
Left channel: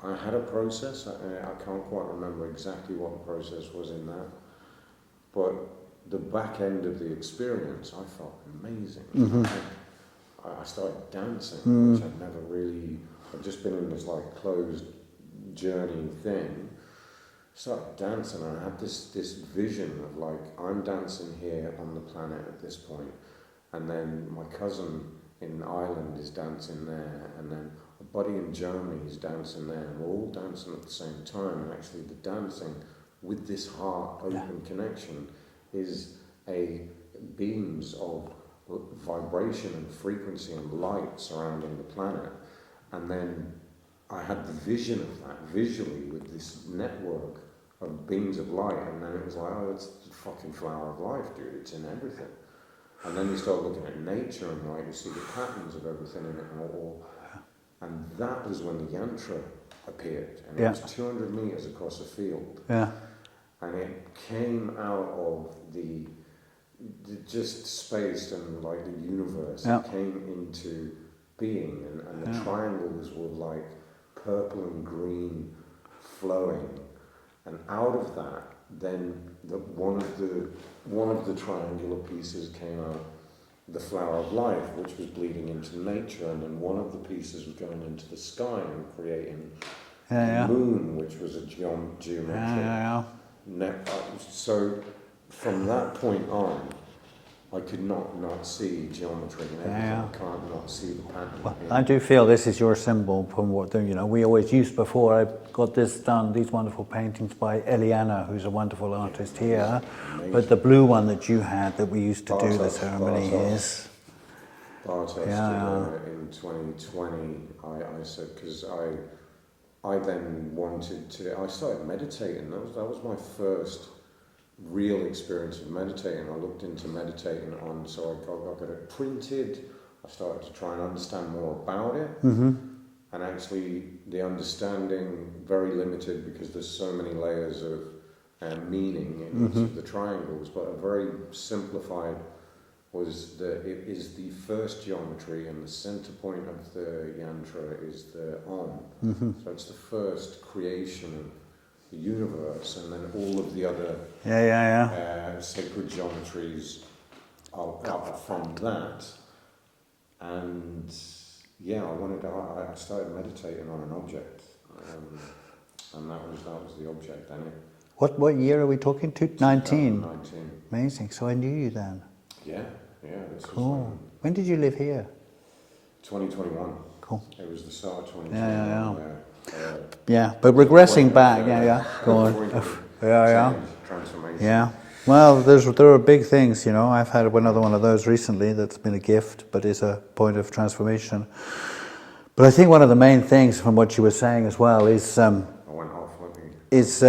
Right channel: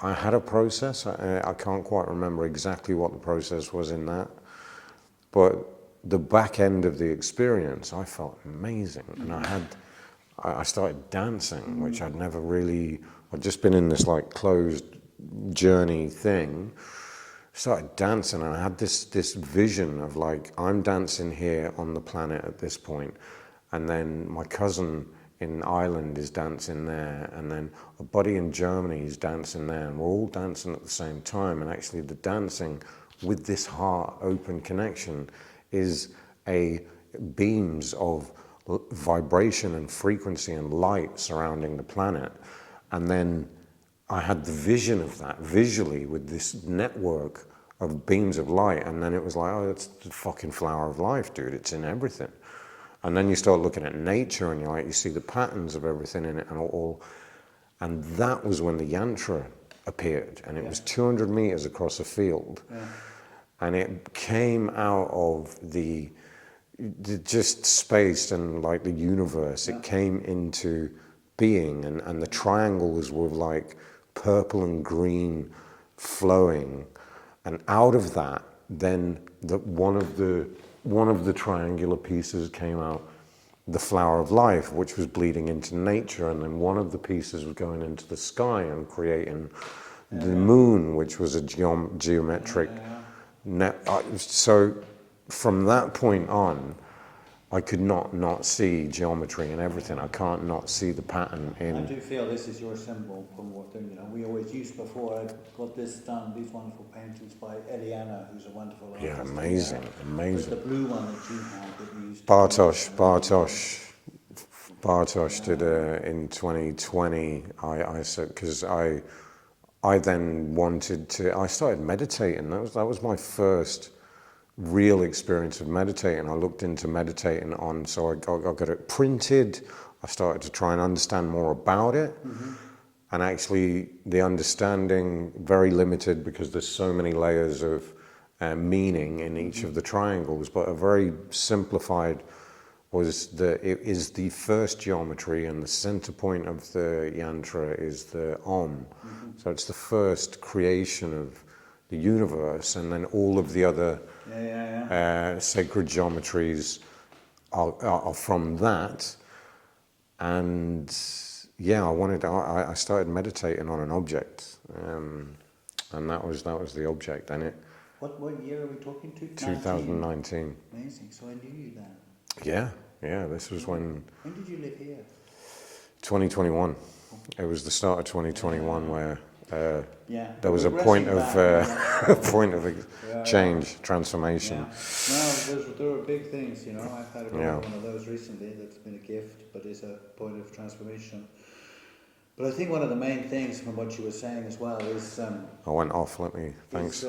I had a process. I can't quite remember exactly what the process was in that. But the back end of the experience, I felt amazing. I started dancing, which I'd never really, I'd just been in this like closed journey thing. Started dancing, and I had this vision of like, I'm dancing here on the planet at this point, and then my cousin in Ireland is dancing there, and then a buddy in Germany is dancing there, and we're all dancing at the same time. And actually the dancing with this heart open connection is beams of vibration and frequency and light surrounding the planet. And then I had the vision of that visually with this network of beams of light, and then it was like, oh, it's the fucking flower of life, dude. It's in everything. And then you start looking at nature, and you're like, you see the patterns of everything in it, and that was when the yantra appeared, and it was 200 meters across a field, and it came out of the just space and like the universe. It came into being, and the triangles were like purple and green flowing, and out of that then one of the triangular pieces came out, the flower of life, which was bleeding into nature, and then one of the pieces was going into the sky and creating the moon, which was a geometric net. So from that point on, I could not see geometry and everything. I can't not see the pattern. Well, I do feel this is your symbol from what we always used before. I've got this done, these wonderful paintings by Eliana, who's a wonderful artist here. Amazing. But the blue one that you had that we used to Bartosz did in 2020. I said, because I then wanted to. I started meditating. That was my first real experience of meditating. I looked into meditating so I got it printed. I started to try and understand more about it, and actually the understanding very limited, because there's so many layers of meaning in each of the triangles. But a very simplified was it is the first geometry, and the center point of the yantra is the Om. So it's the first creation of the universe, and then all of the other sacred geometries are from that. And I started meditating on an object, and that was the object. And it. What year are we talking to? 19. 2019. Amazing. So I knew you then. Yeah. This was when. When did you live here? 2021. Cool. It was the start of 2021 where. But regressing back, a point of change, transformation. Yeah. Well, there are big things, I've had another one of those recently that's been a gift, but is a point of transformation. But I think one of the main things from what you were saying as well is... I went off, let me... Thanks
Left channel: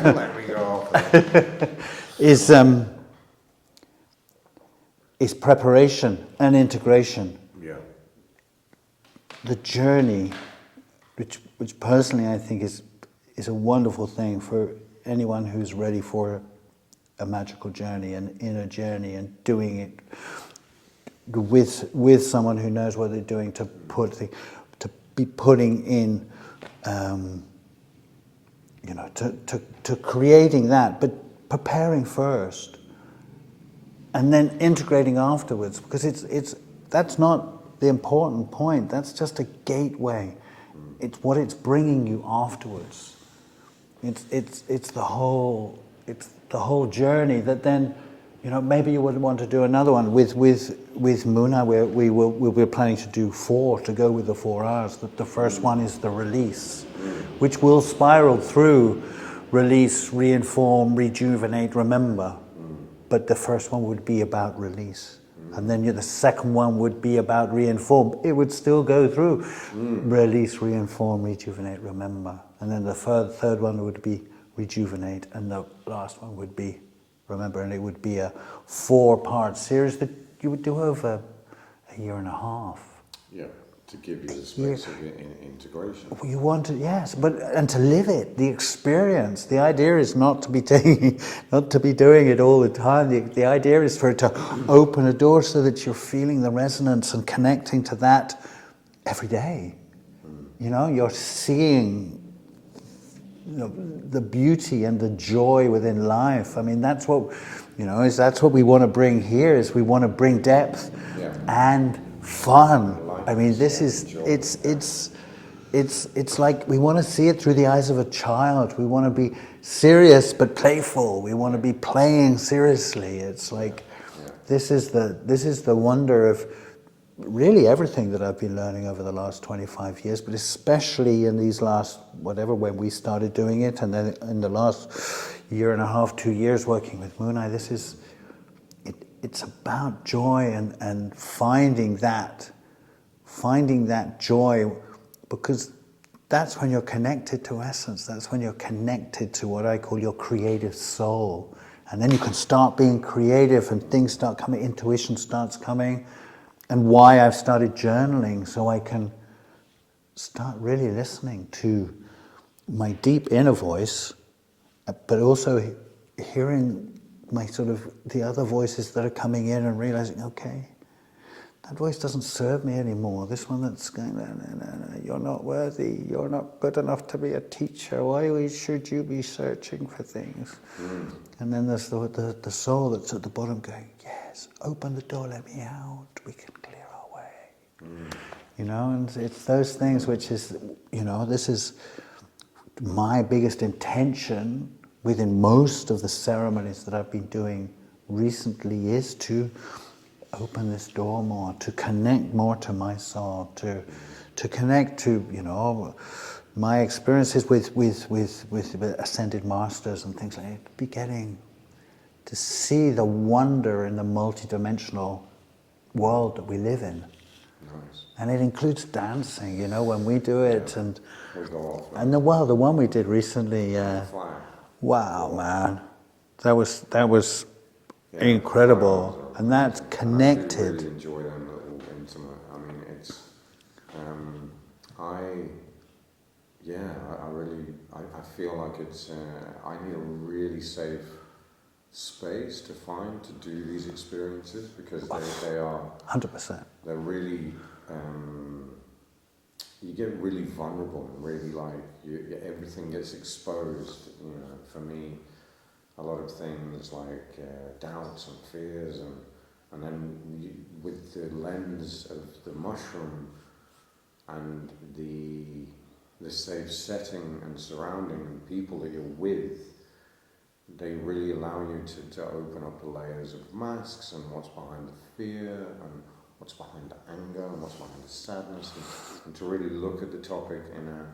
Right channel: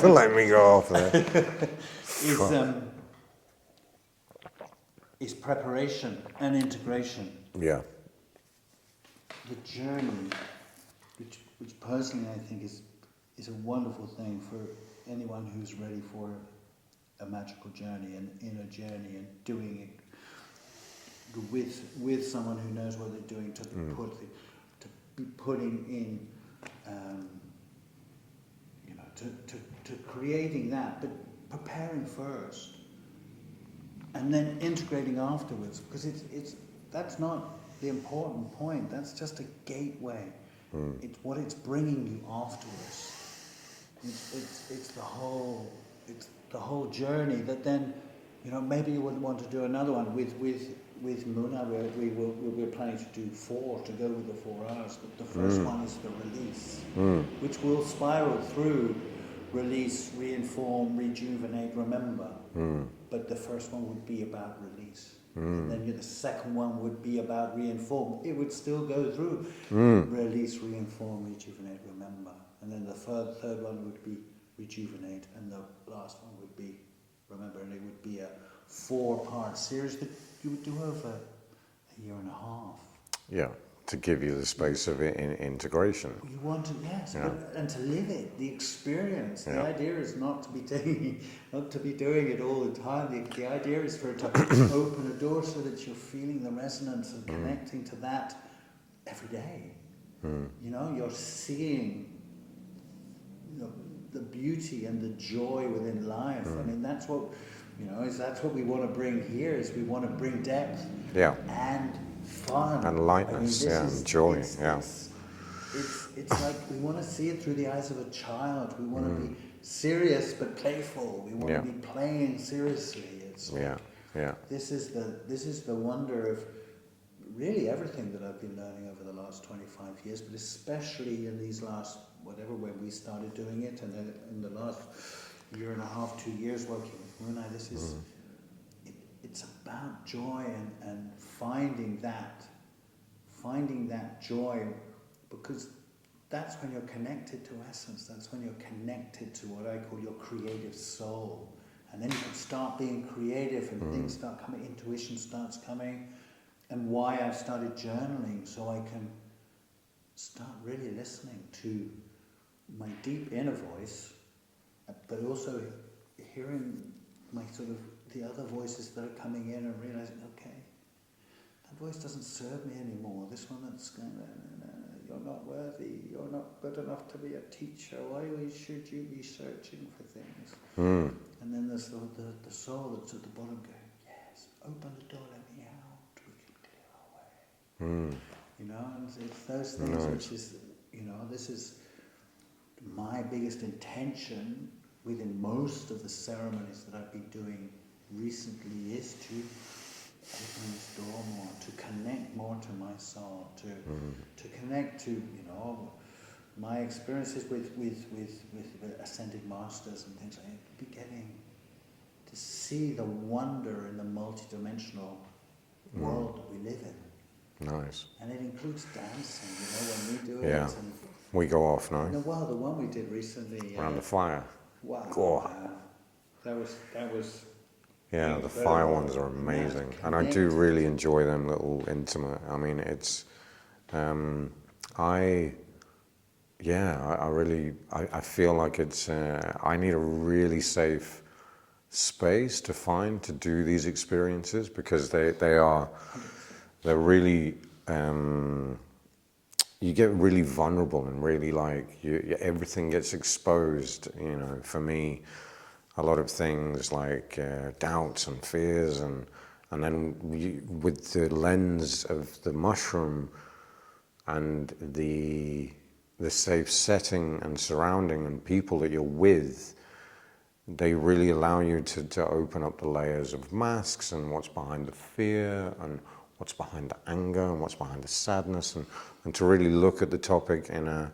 for letting me go off. Is preparation and integration. Yeah. The journey... Which personally I think is a wonderful thing for anyone who's ready for a magical journey, an inner journey, and doing it with someone who knows what they're doing, to be putting in, to creating that, but preparing first, and then integrating afterwards, because that's not the important point. That's just a gateway. It's what it's bringing you afterwards. It's the whole journey that then, maybe you would want to do another one with Muna, where we're planning to do 4 to go with the 4 hours. The first one is the release, which will spiral through release, reinform, rejuvenate, remember. But the first one would be about release. And then the second one would be about reinform. It would still go through release, reinform, rejuvenate, remember. And then the third one would be rejuvenate, and the last one would be remember. And it would be a 4-part series that you would do over a year and a half. Yeah, to give you the space of integration. You want to, yes, but and to live it, the experience. The idea is not to be doing it all the time. The idea is for it to open a door so that you're feeling the resonance and connecting to that every day. You know, you're seeing the beauty and the joy within life. I mean, that's what we want to bring here. Is we want to bring depth and fun. And lightness, I mean, this is joy, it's like we want to see it through the eyes of a child. We want to be serious but playful. We want to be playing seriously. It's like this is the wonder of really everything that I've been learning over the last 25 years, but especially in these last when we started doing it, and then in the last year and a half, 2 years working with Moonai. This is it's about joy and finding that joy, because that's when you're connected to essence. That's when you're connected to what I call your creative soul. And then you can start being creative and things start coming, intuition starts coming. And why I've started journaling, so I can start really listening to my deep inner voice, but also hearing my sort of the other voices that are coming in and realizing, okay, that voice doesn't serve me anymore. This one that's going, no, you're not worthy. You're not good enough to be a teacher. Why should you be searching for things? And then there's the soul that's at the bottom going, yes, open the door, let me out. We can clear our way. You know, and it's those things which is, this is my biggest intention within most of the ceremonies that I've been doing recently, is to open this door more, to connect more to my soul, to connect to, my experiences with ascended masters and things like that, beginning to see the wonder in the multidimensional world that we live in. Nice. And it includes dancing, when we do it, and we go off now. And the one we did recently, Around the fire. Wow, man, that was incredible, and that's connected. And I do really enjoy them little intimate. I mean, it's, I feel like it's. I need a really safe space to do these experiences, because they are 100%. They're really. You get really vulnerable and really everything gets exposed. For me, a lot of things like doubts and fears, and then with the lens of the mushroom and the safe setting and surrounding and people that you're with, they really allow you to open up the layers of masks and what's behind the fear and what's behind the anger and what's behind the sadness, and to really look at the topic in a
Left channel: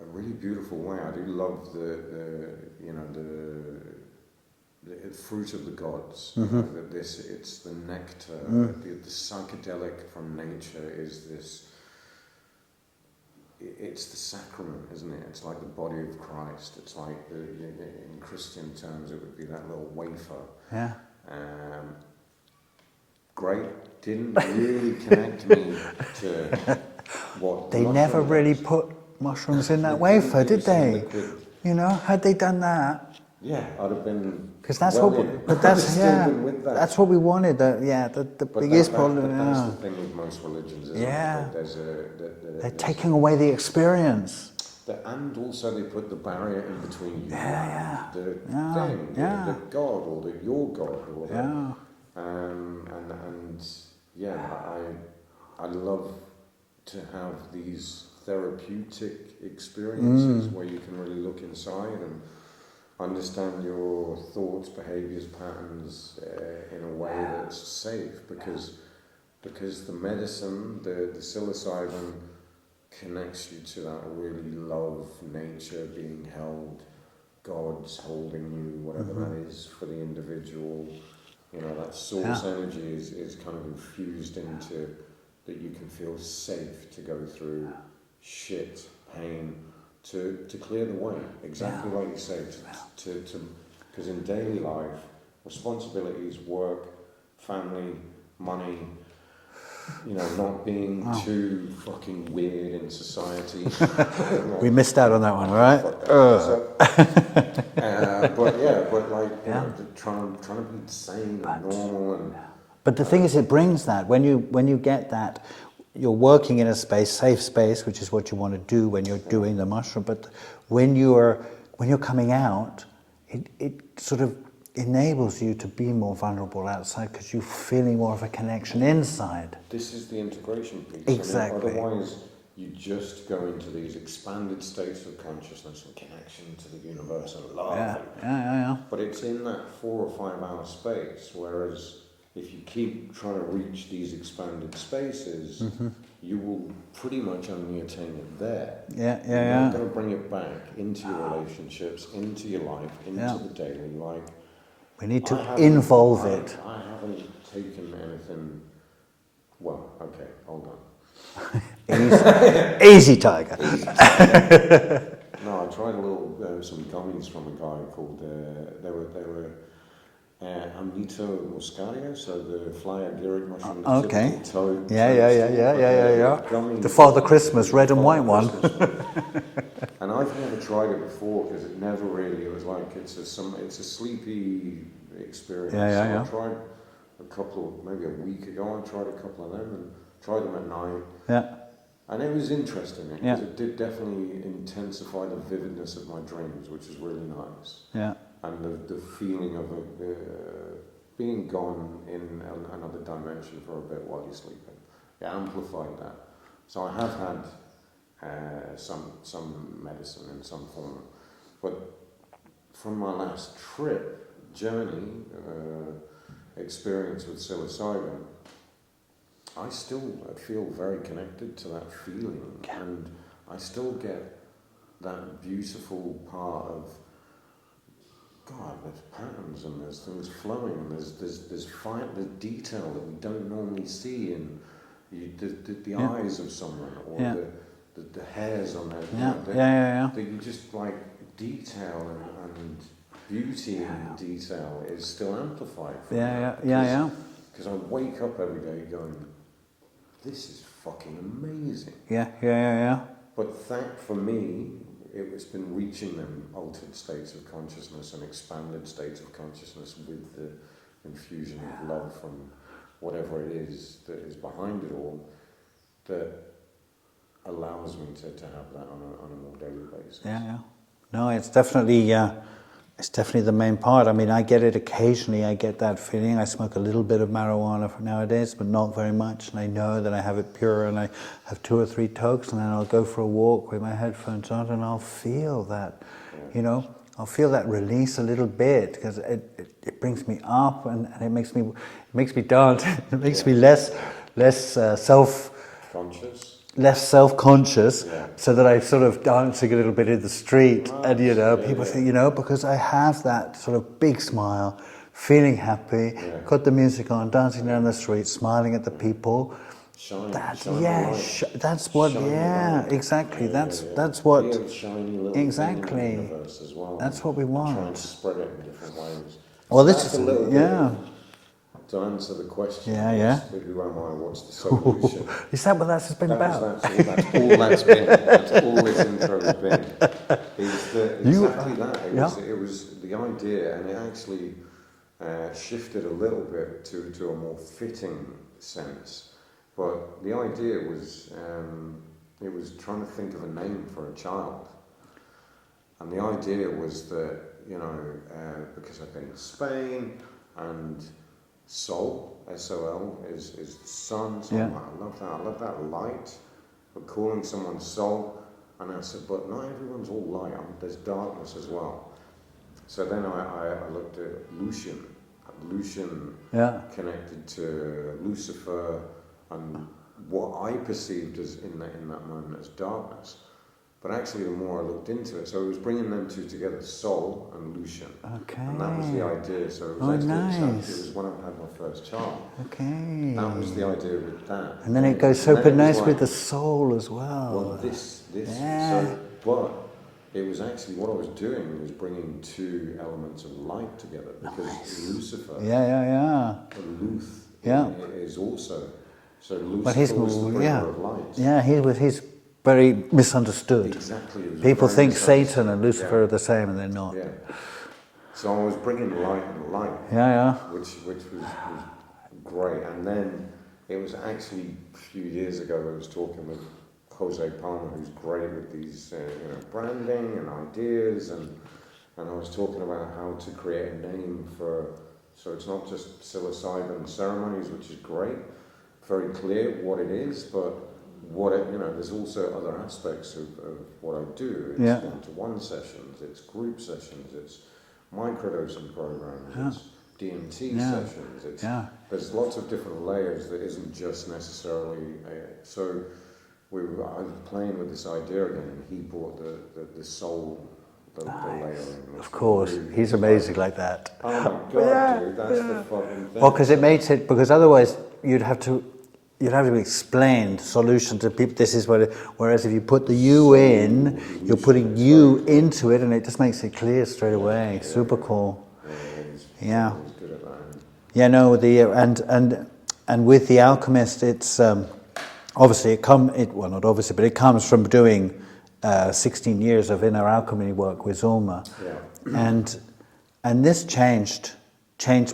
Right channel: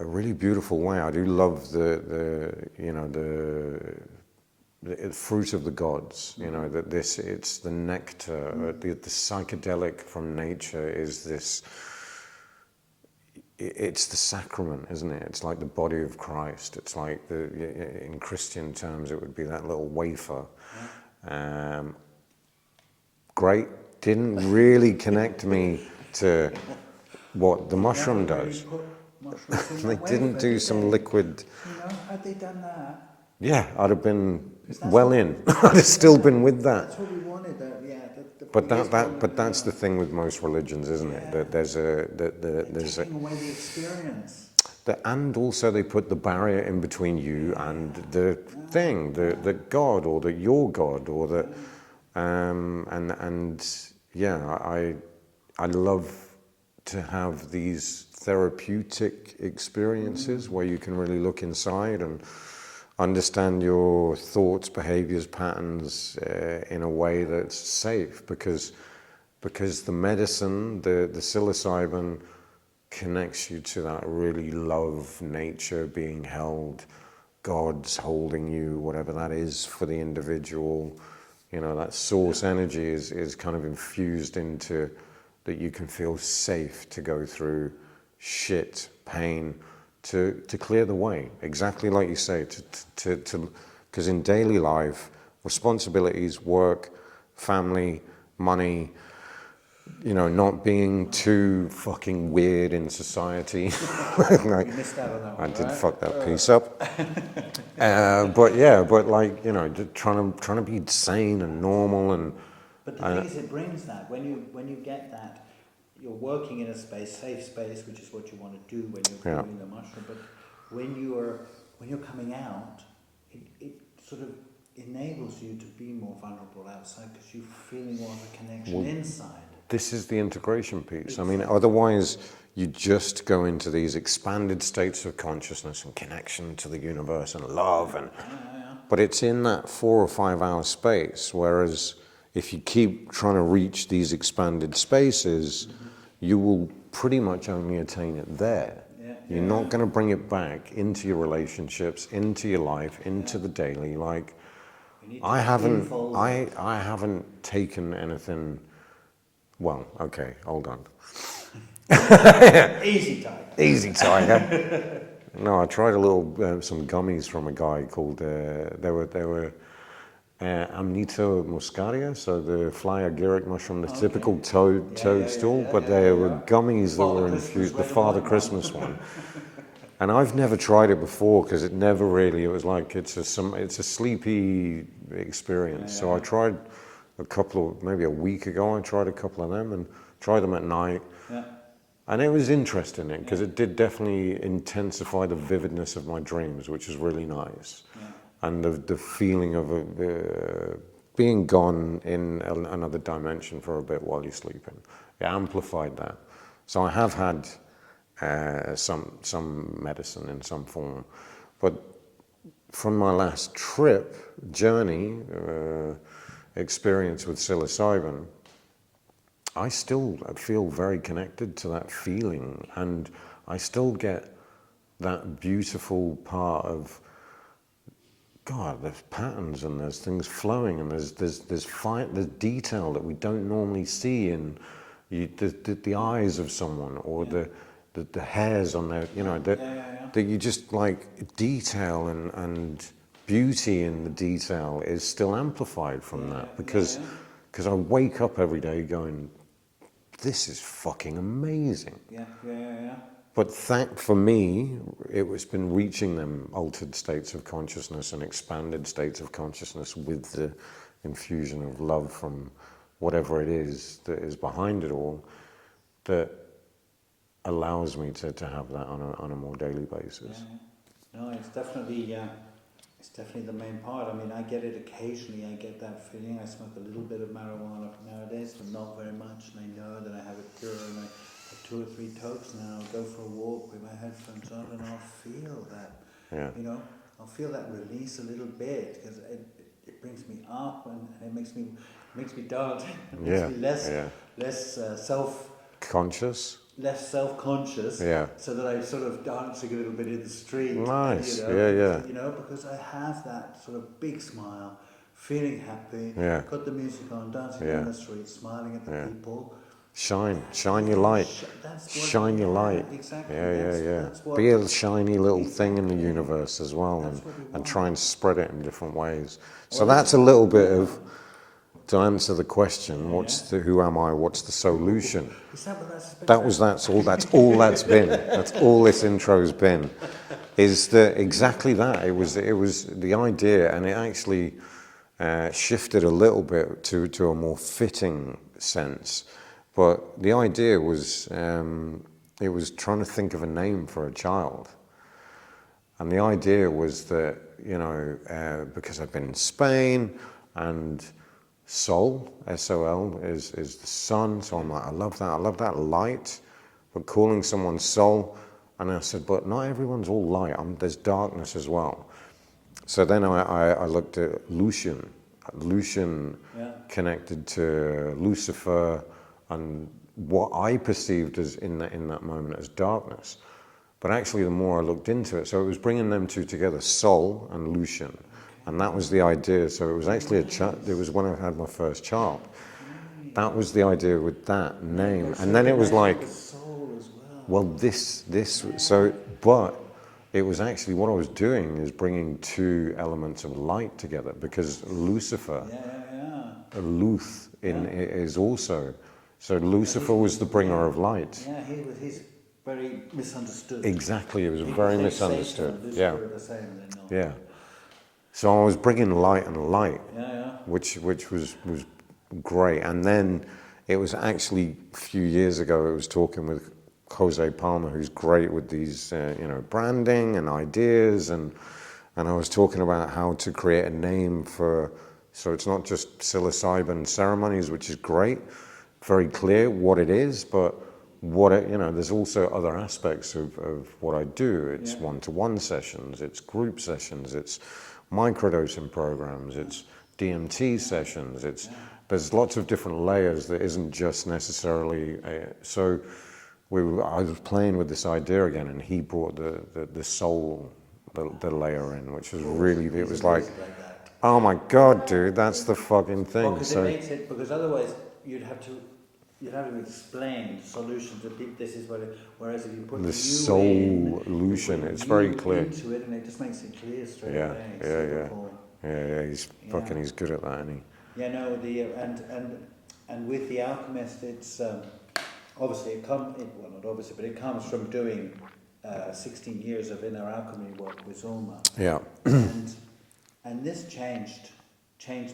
really beautiful way. I do love the fruit of the gods. That it's the nectar, the psychedelic from nature is this. It's the sacrament, isn't it? It's like the body of Christ. It's like in Christian terms, it would be that little wafer. Yeah. Great. Didn't really connect me to what the mushroom does. They never really put mushrooms in that wafer, did they? Liquid. Had they done that? Yeah, I'd have been I'd have still been with that. That's what we wanted. But that's the thing with most religions, isn't it? That they're taking away the experience. And also they put the barrier in between you and the thing, the God or your God or the. I love to have these therapeutic experiences where you can really look inside and understand your thoughts, behaviors, patterns in a way that's safe, because the medicine, the psilocybin, connects you to that really love, nature, being held, God's holding you, whatever that is for the individual. You know, that source energy is kind of infused into that you can feel safe to go through shit, pain, to clear the way. Exactly like you say, because in daily life, responsibilities, work, family, money, you know, not being too fucking weird in society. Like, we missed out on that one, I right? fuck that piece up. But like, you know, just trying to be sane and normal and. But the thing is, it brings that when you get that, you're working in a space, safe space, which is what you want to do when you're doing the mushroom. But when you're coming out, it sort of enables you to be more vulnerable outside because you're feeling more of a connection inside. This is the integration piece. Exactly. I mean, otherwise you just go into these expanded states of consciousness and connection to the universe and love. But it's in that 4 or 5 hour space, whereas if you keep trying to reach these expanded spaces, you will pretty much only attain it there. You're not going to bring it back into your relationships, into your life, into the daily. Like, we need to involve it. I haven't taken anything. Well, okay, hold on. Easy tiger. Easy tiger. No, I tried a little some gummies from a guy called. They were Amnito muscaria, so the fly agaric mushroom, the typical toadstool, but they were gummies. The Father Christmas, red and white one. And I've never tried it before because it never really. It was like it's a sleepy experience. I tried a couple of maybe a week ago. I tried a couple of them and tried them at night. And it was interesting because it did definitely intensify the vividness of my dreams, which is really nice. And the feeling of being gone in another dimension for a bit while you're sleeping. It amplified that. So I have had some medicine in some form. But from my last journey, experience with psilocybin, I still feel very connected to that feeling. And I still get that beautiful part of, God, there's patterns and there's things flowing and there's detail that we don't normally see in the eyes of someone or the hairs on their, that you just like detail and beauty in the detail is still amplified from that because I wake up every day going, this is fucking amazing. But for me, it's been reaching them altered states of consciousness and expanded states of consciousness with the infusion of love from whatever it is that is behind it all that allows me to have that on a more daily basis. No, it's definitely the main part. I mean, I get it occasionally. I get that feeling. I smoke a little bit of marijuana nowadays, but not very much. And I know that I have it pure, and I have 2 or 3 tokes, and then I'll go for a walk with my headphones on, and I'll feel that, you know, I'll feel that release a little bit because it brings me up, and it makes me dance. It makes me less Conscious. Less self-conscious, so that I sort of dancing a little bit in the street, nice. and people think, because I have that sort of big smile, feeling happy, got the music on, dancing down the street, smiling at the people. Shine your light. That's what. Shine your light. Exactly. That's what. Be a shiny little thing in the universe as well. That's what we want. And try and spread it in different ways. Well, so that's a little bit of. To answer the question, who am I? What's the solution? Is that what that's been about? That's all that's been. That's all this intro's been. Is that exactly that? It was the idea, and it actually shifted a little bit to a more fitting sense. But the idea was it was trying to think of a name for a child, and the idea was that because I've been in Spain and soul, S-O-L, is the sun. So I'm like, I love that light. But calling someone soul, and I said, but not everyone's all light. There's darkness as well. So then I looked at Lucian. Lucian connected to Lucifer and what I perceived as in that moment as darkness. But actually, the more I looked into it, so it was bringing them two together, soul and lution. Okay. And that was the idea. So it was actually nice. it was when I had my first child. Okay. That was the idea with that. And then it goes so nice with the soul as well. Well, but it was actually what I was doing is bringing two elements of light together, because Lucifer, Luth, is also. So Lucifer was the bringer of light. Yeah, he's very misunderstood. Exactly. It was People think Satan and Lucifer are the same, and they're not. Yeah. So I was bringing light and light. Which was great. And then it was actually a few years ago, I was talking with Jose Palma, who's great with these, branding and ideas, and I was talking about how to create a name for. So it's not just psilocybin ceremonies, which is great, very clear what it is, but there's also other aspects of what I do. It's one-to-one sessions, it's group sessions, it's microdosing programs, it's DMT sessions. There's lots of different layers that isn't just necessarily. I was playing with this idea again, and he brought the soul, the layer in, which was really. He's amazing like that. Oh my God, dude, that's the fucking thing. Well, because it makes it, because otherwise you'd have to explain solution to people. This is what. Whereas if you put the you in, you're putting you into it, and it just makes it clear straight away. Super cool. He's good at that, isn't he? Yeah, no. And with the Alchemist, it's obviously it comes from doing 16 years of inner alchemy work with Zulma. Yeah. And this changed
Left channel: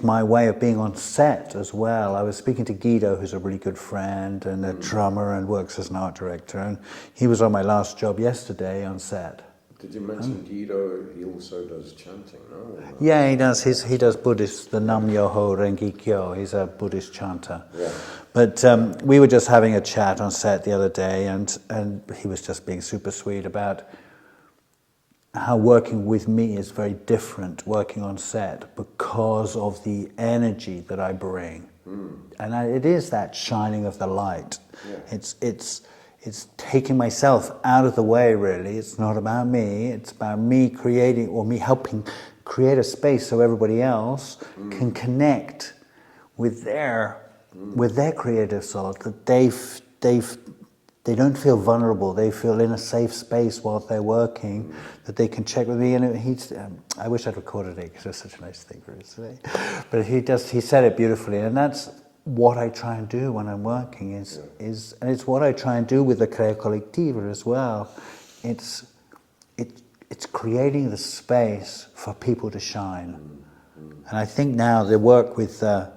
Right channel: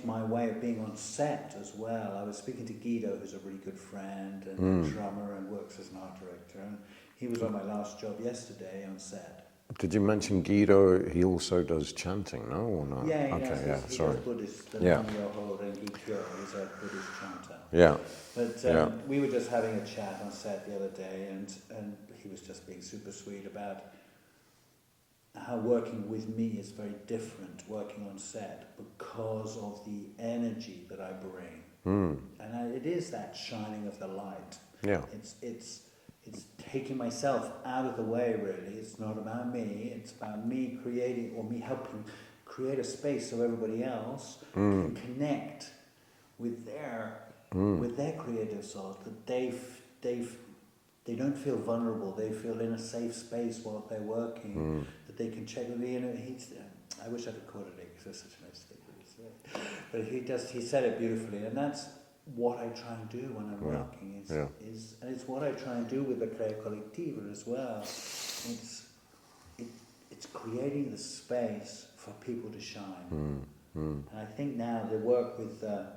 my way of being on set as well. I was speaking to Guido, who's a really good friend and a drummer and works as an art director, and he was on my last job yesterday on set. Did you mention Guido? He also does chanting, no? Yeah, he does. He does Buddhist, the Nam Myoho Renge Kyo. He's a Buddhist chanter. Yeah. But we were just having a chat on set the other day, and he was just being super sweet about how working with me is very different working on set because of the energy that I bring. And it is that shining of the light. Yeah. It's taking myself out of the way, really. It's not about me. It's about me creating, or me helping create a space so everybody else can connect with their creative soul, that they don't feel vulnerable. They feel in a safe space while they're working, that they can check with me. And I wish I'd recorded it, because it's such a nice thing for us today. But he said it beautifully, and that's what I try and do when I'm working. And it's what I try and do with the Crea Collectiva as well. It's creating the space for people to shine. And I think now the work that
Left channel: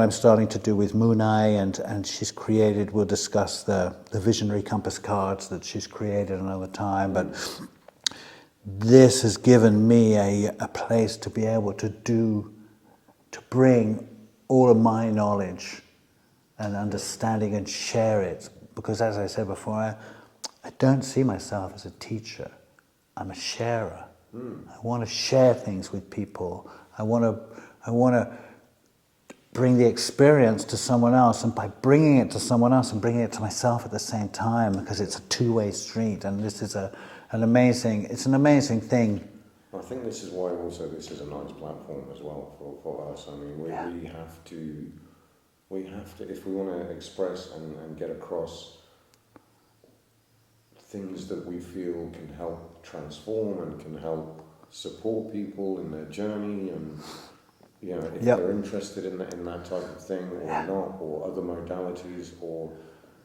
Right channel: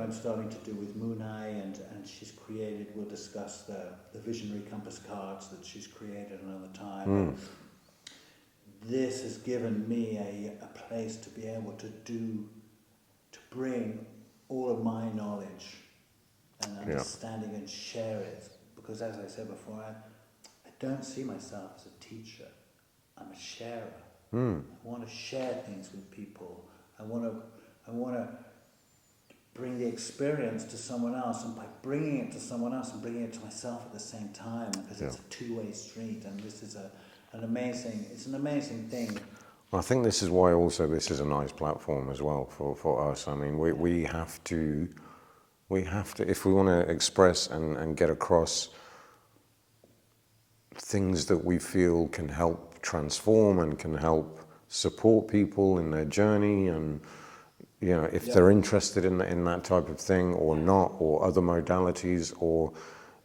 I'm starting to do with Munai, and she's created, we'll discuss the visionary compass cards that she's created another time, but this has given me a place to be able to bring all of my knowledge and understanding and share it. Because as I said before, I don't see myself as a teacher. I'm a sharer. I want to share things with people. I want to bring the experience to someone else, and by bringing it to someone else and bringing it to myself at the same time, because it's a two-way street, and this is an amazing thing. I think this is why also this is a nice platform as well for us. I mean, we have to, if we want to express and get across things that we feel can help transform and can help support people in their journey, and if they're interested in that type of thing or not, or other modalities, or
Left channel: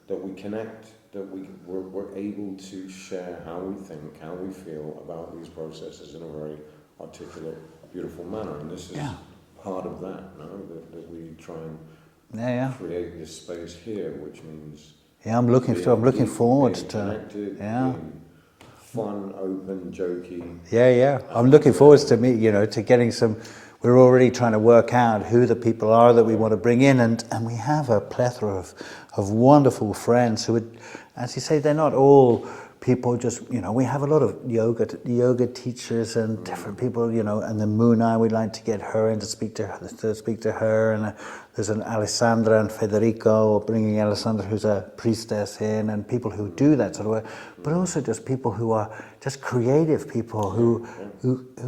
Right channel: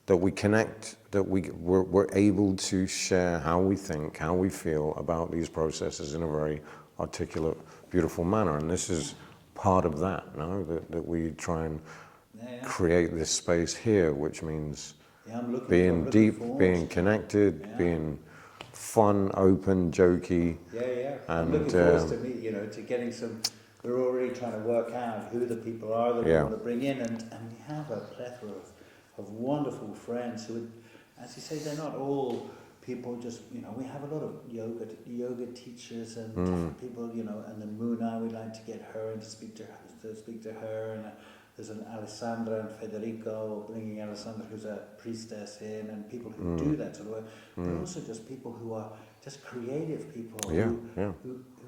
that we connect, that we're able to share how we think, how we feel about these processes in a very articulate, beautiful manner. And this is part of that, no? That we try and create this space here, which means I'm looking forward being to connected, being fun, open, jokey. I'm looking forward to getting some. We're already trying to work out who the people are that we want to bring in, and we have a plethora of wonderful friends who would, as you say, they're not all people just, we have a lot of yoga teachers and different people, and the Muna, we'd like to get her in to speak to her, and there's an Alessandra and Federico, bringing Alessandra, who's a priestess, in, and people who do that sort of work, but also just people who are just creative people who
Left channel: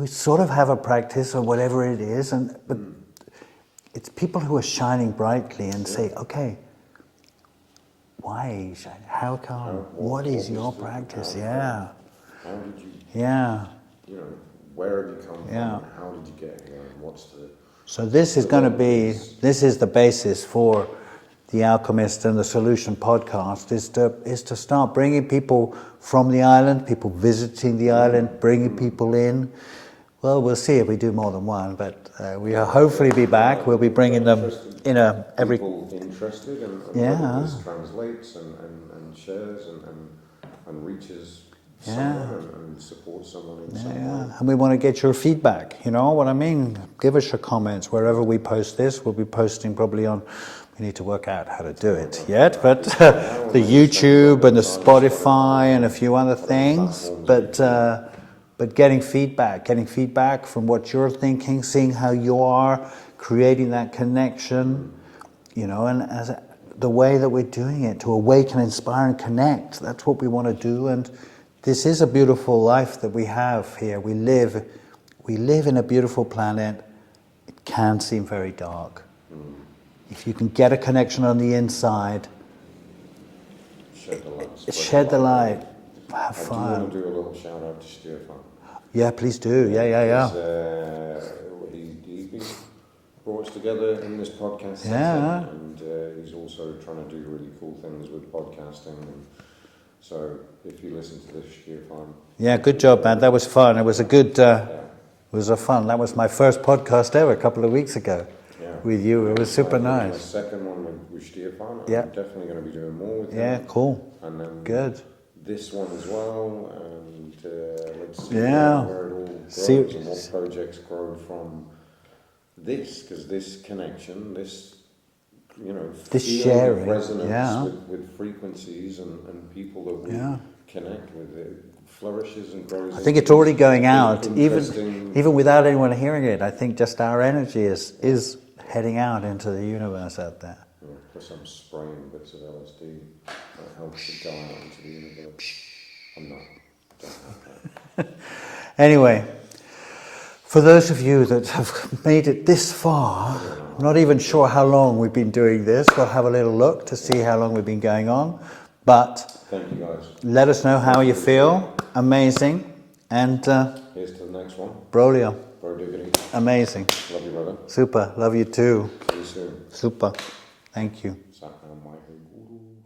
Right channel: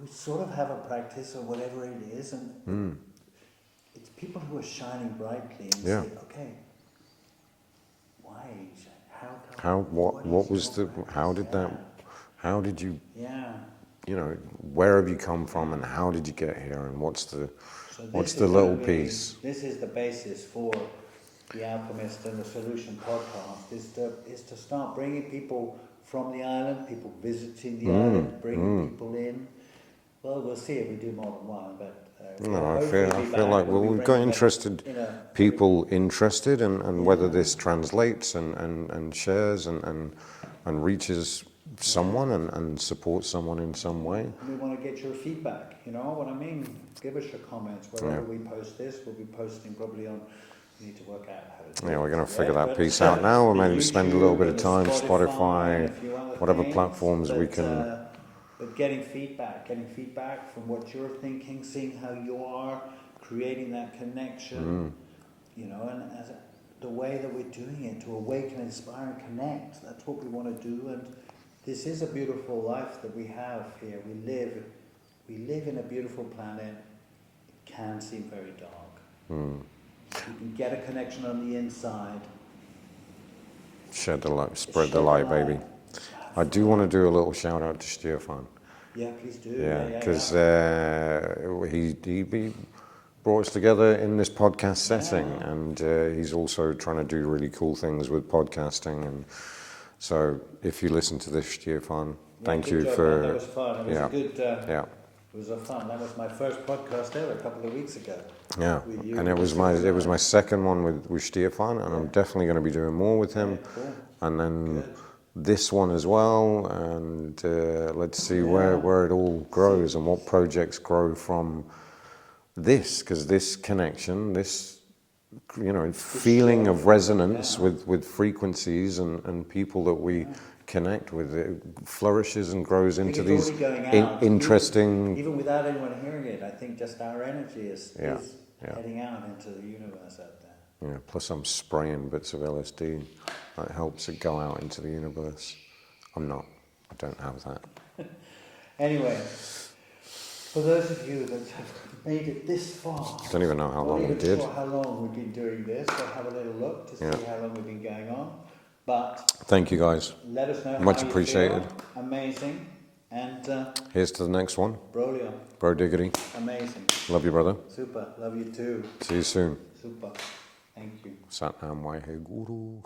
sort of have a practice or whatever it is, but it's people who are shining brightly and say, okay, why are you shining? How come? What is your practice? How did you? Yeah. Where have you come from, and how did you get here, and what's the? So this is going to be. This is the basis for the Alchemist and the Soulution podcast. Is to start bringing people from the island, people visiting the island, bringing people in. Well, we'll see if we do more than one, but we'll hopefully be back. Like we'll be bringing them in people interested, and whether this translates and shares and reaches someone and supports someone in some way. And we want to get your feedback. You know what I mean? Give us your comments wherever we post this. We'll be posting probably on. We need to work out how to do it yet, but the YouTube and the Spotify and a few other things. But getting feedback from what you're thinking, seeing how you are creating that connection, and as the way that we're doing it, to awaken, inspire, and connect. That's what we want to do, and this is a beautiful life that we have here. We live in a beautiful planet. It can seem very dark. If you can get a connection on the inside, shed the light, spread the light. Baby. I do want to do a little shout out to Stefan. Yeah, please do. Yeah. He brought us together in this podcast setting, and he's also trying to do really cool things with podcasting. And so, if you listen to this, Stefan, good job, man. That was fun. It was a good. It was a fun. That was my first podcast ever a couple of weeks ago. Yeah, with you. And it was super nice. It was my second one with Stefan, and I'm definitely going to be doing more with him. Yeah, cool. And then this one as well, and let's see where it all grows and what projects grow from this, because this connection, this feeling of resonance with frequencies and people that we connect with, it flourishes and grows. I think it's already going out. Interesting, even without anyone hearing it. I think just our energy is heading out into the universe out there. Yeah, plus I'm spraying bits of LSD. That helps it go out into the universe. I don't have that. Anyway, for those of you that have made it this far, not even sure how long we've been doing this. We'll have a little look to see how long we've been going on. But thank you guys. Let us know how you feel. Amazing. And here's to the next one. Brolio. Bro diggity. Amazing. Love you, brother. Super. Love you too. See you soon. Super. Thank you. Satnam Waihe Guru.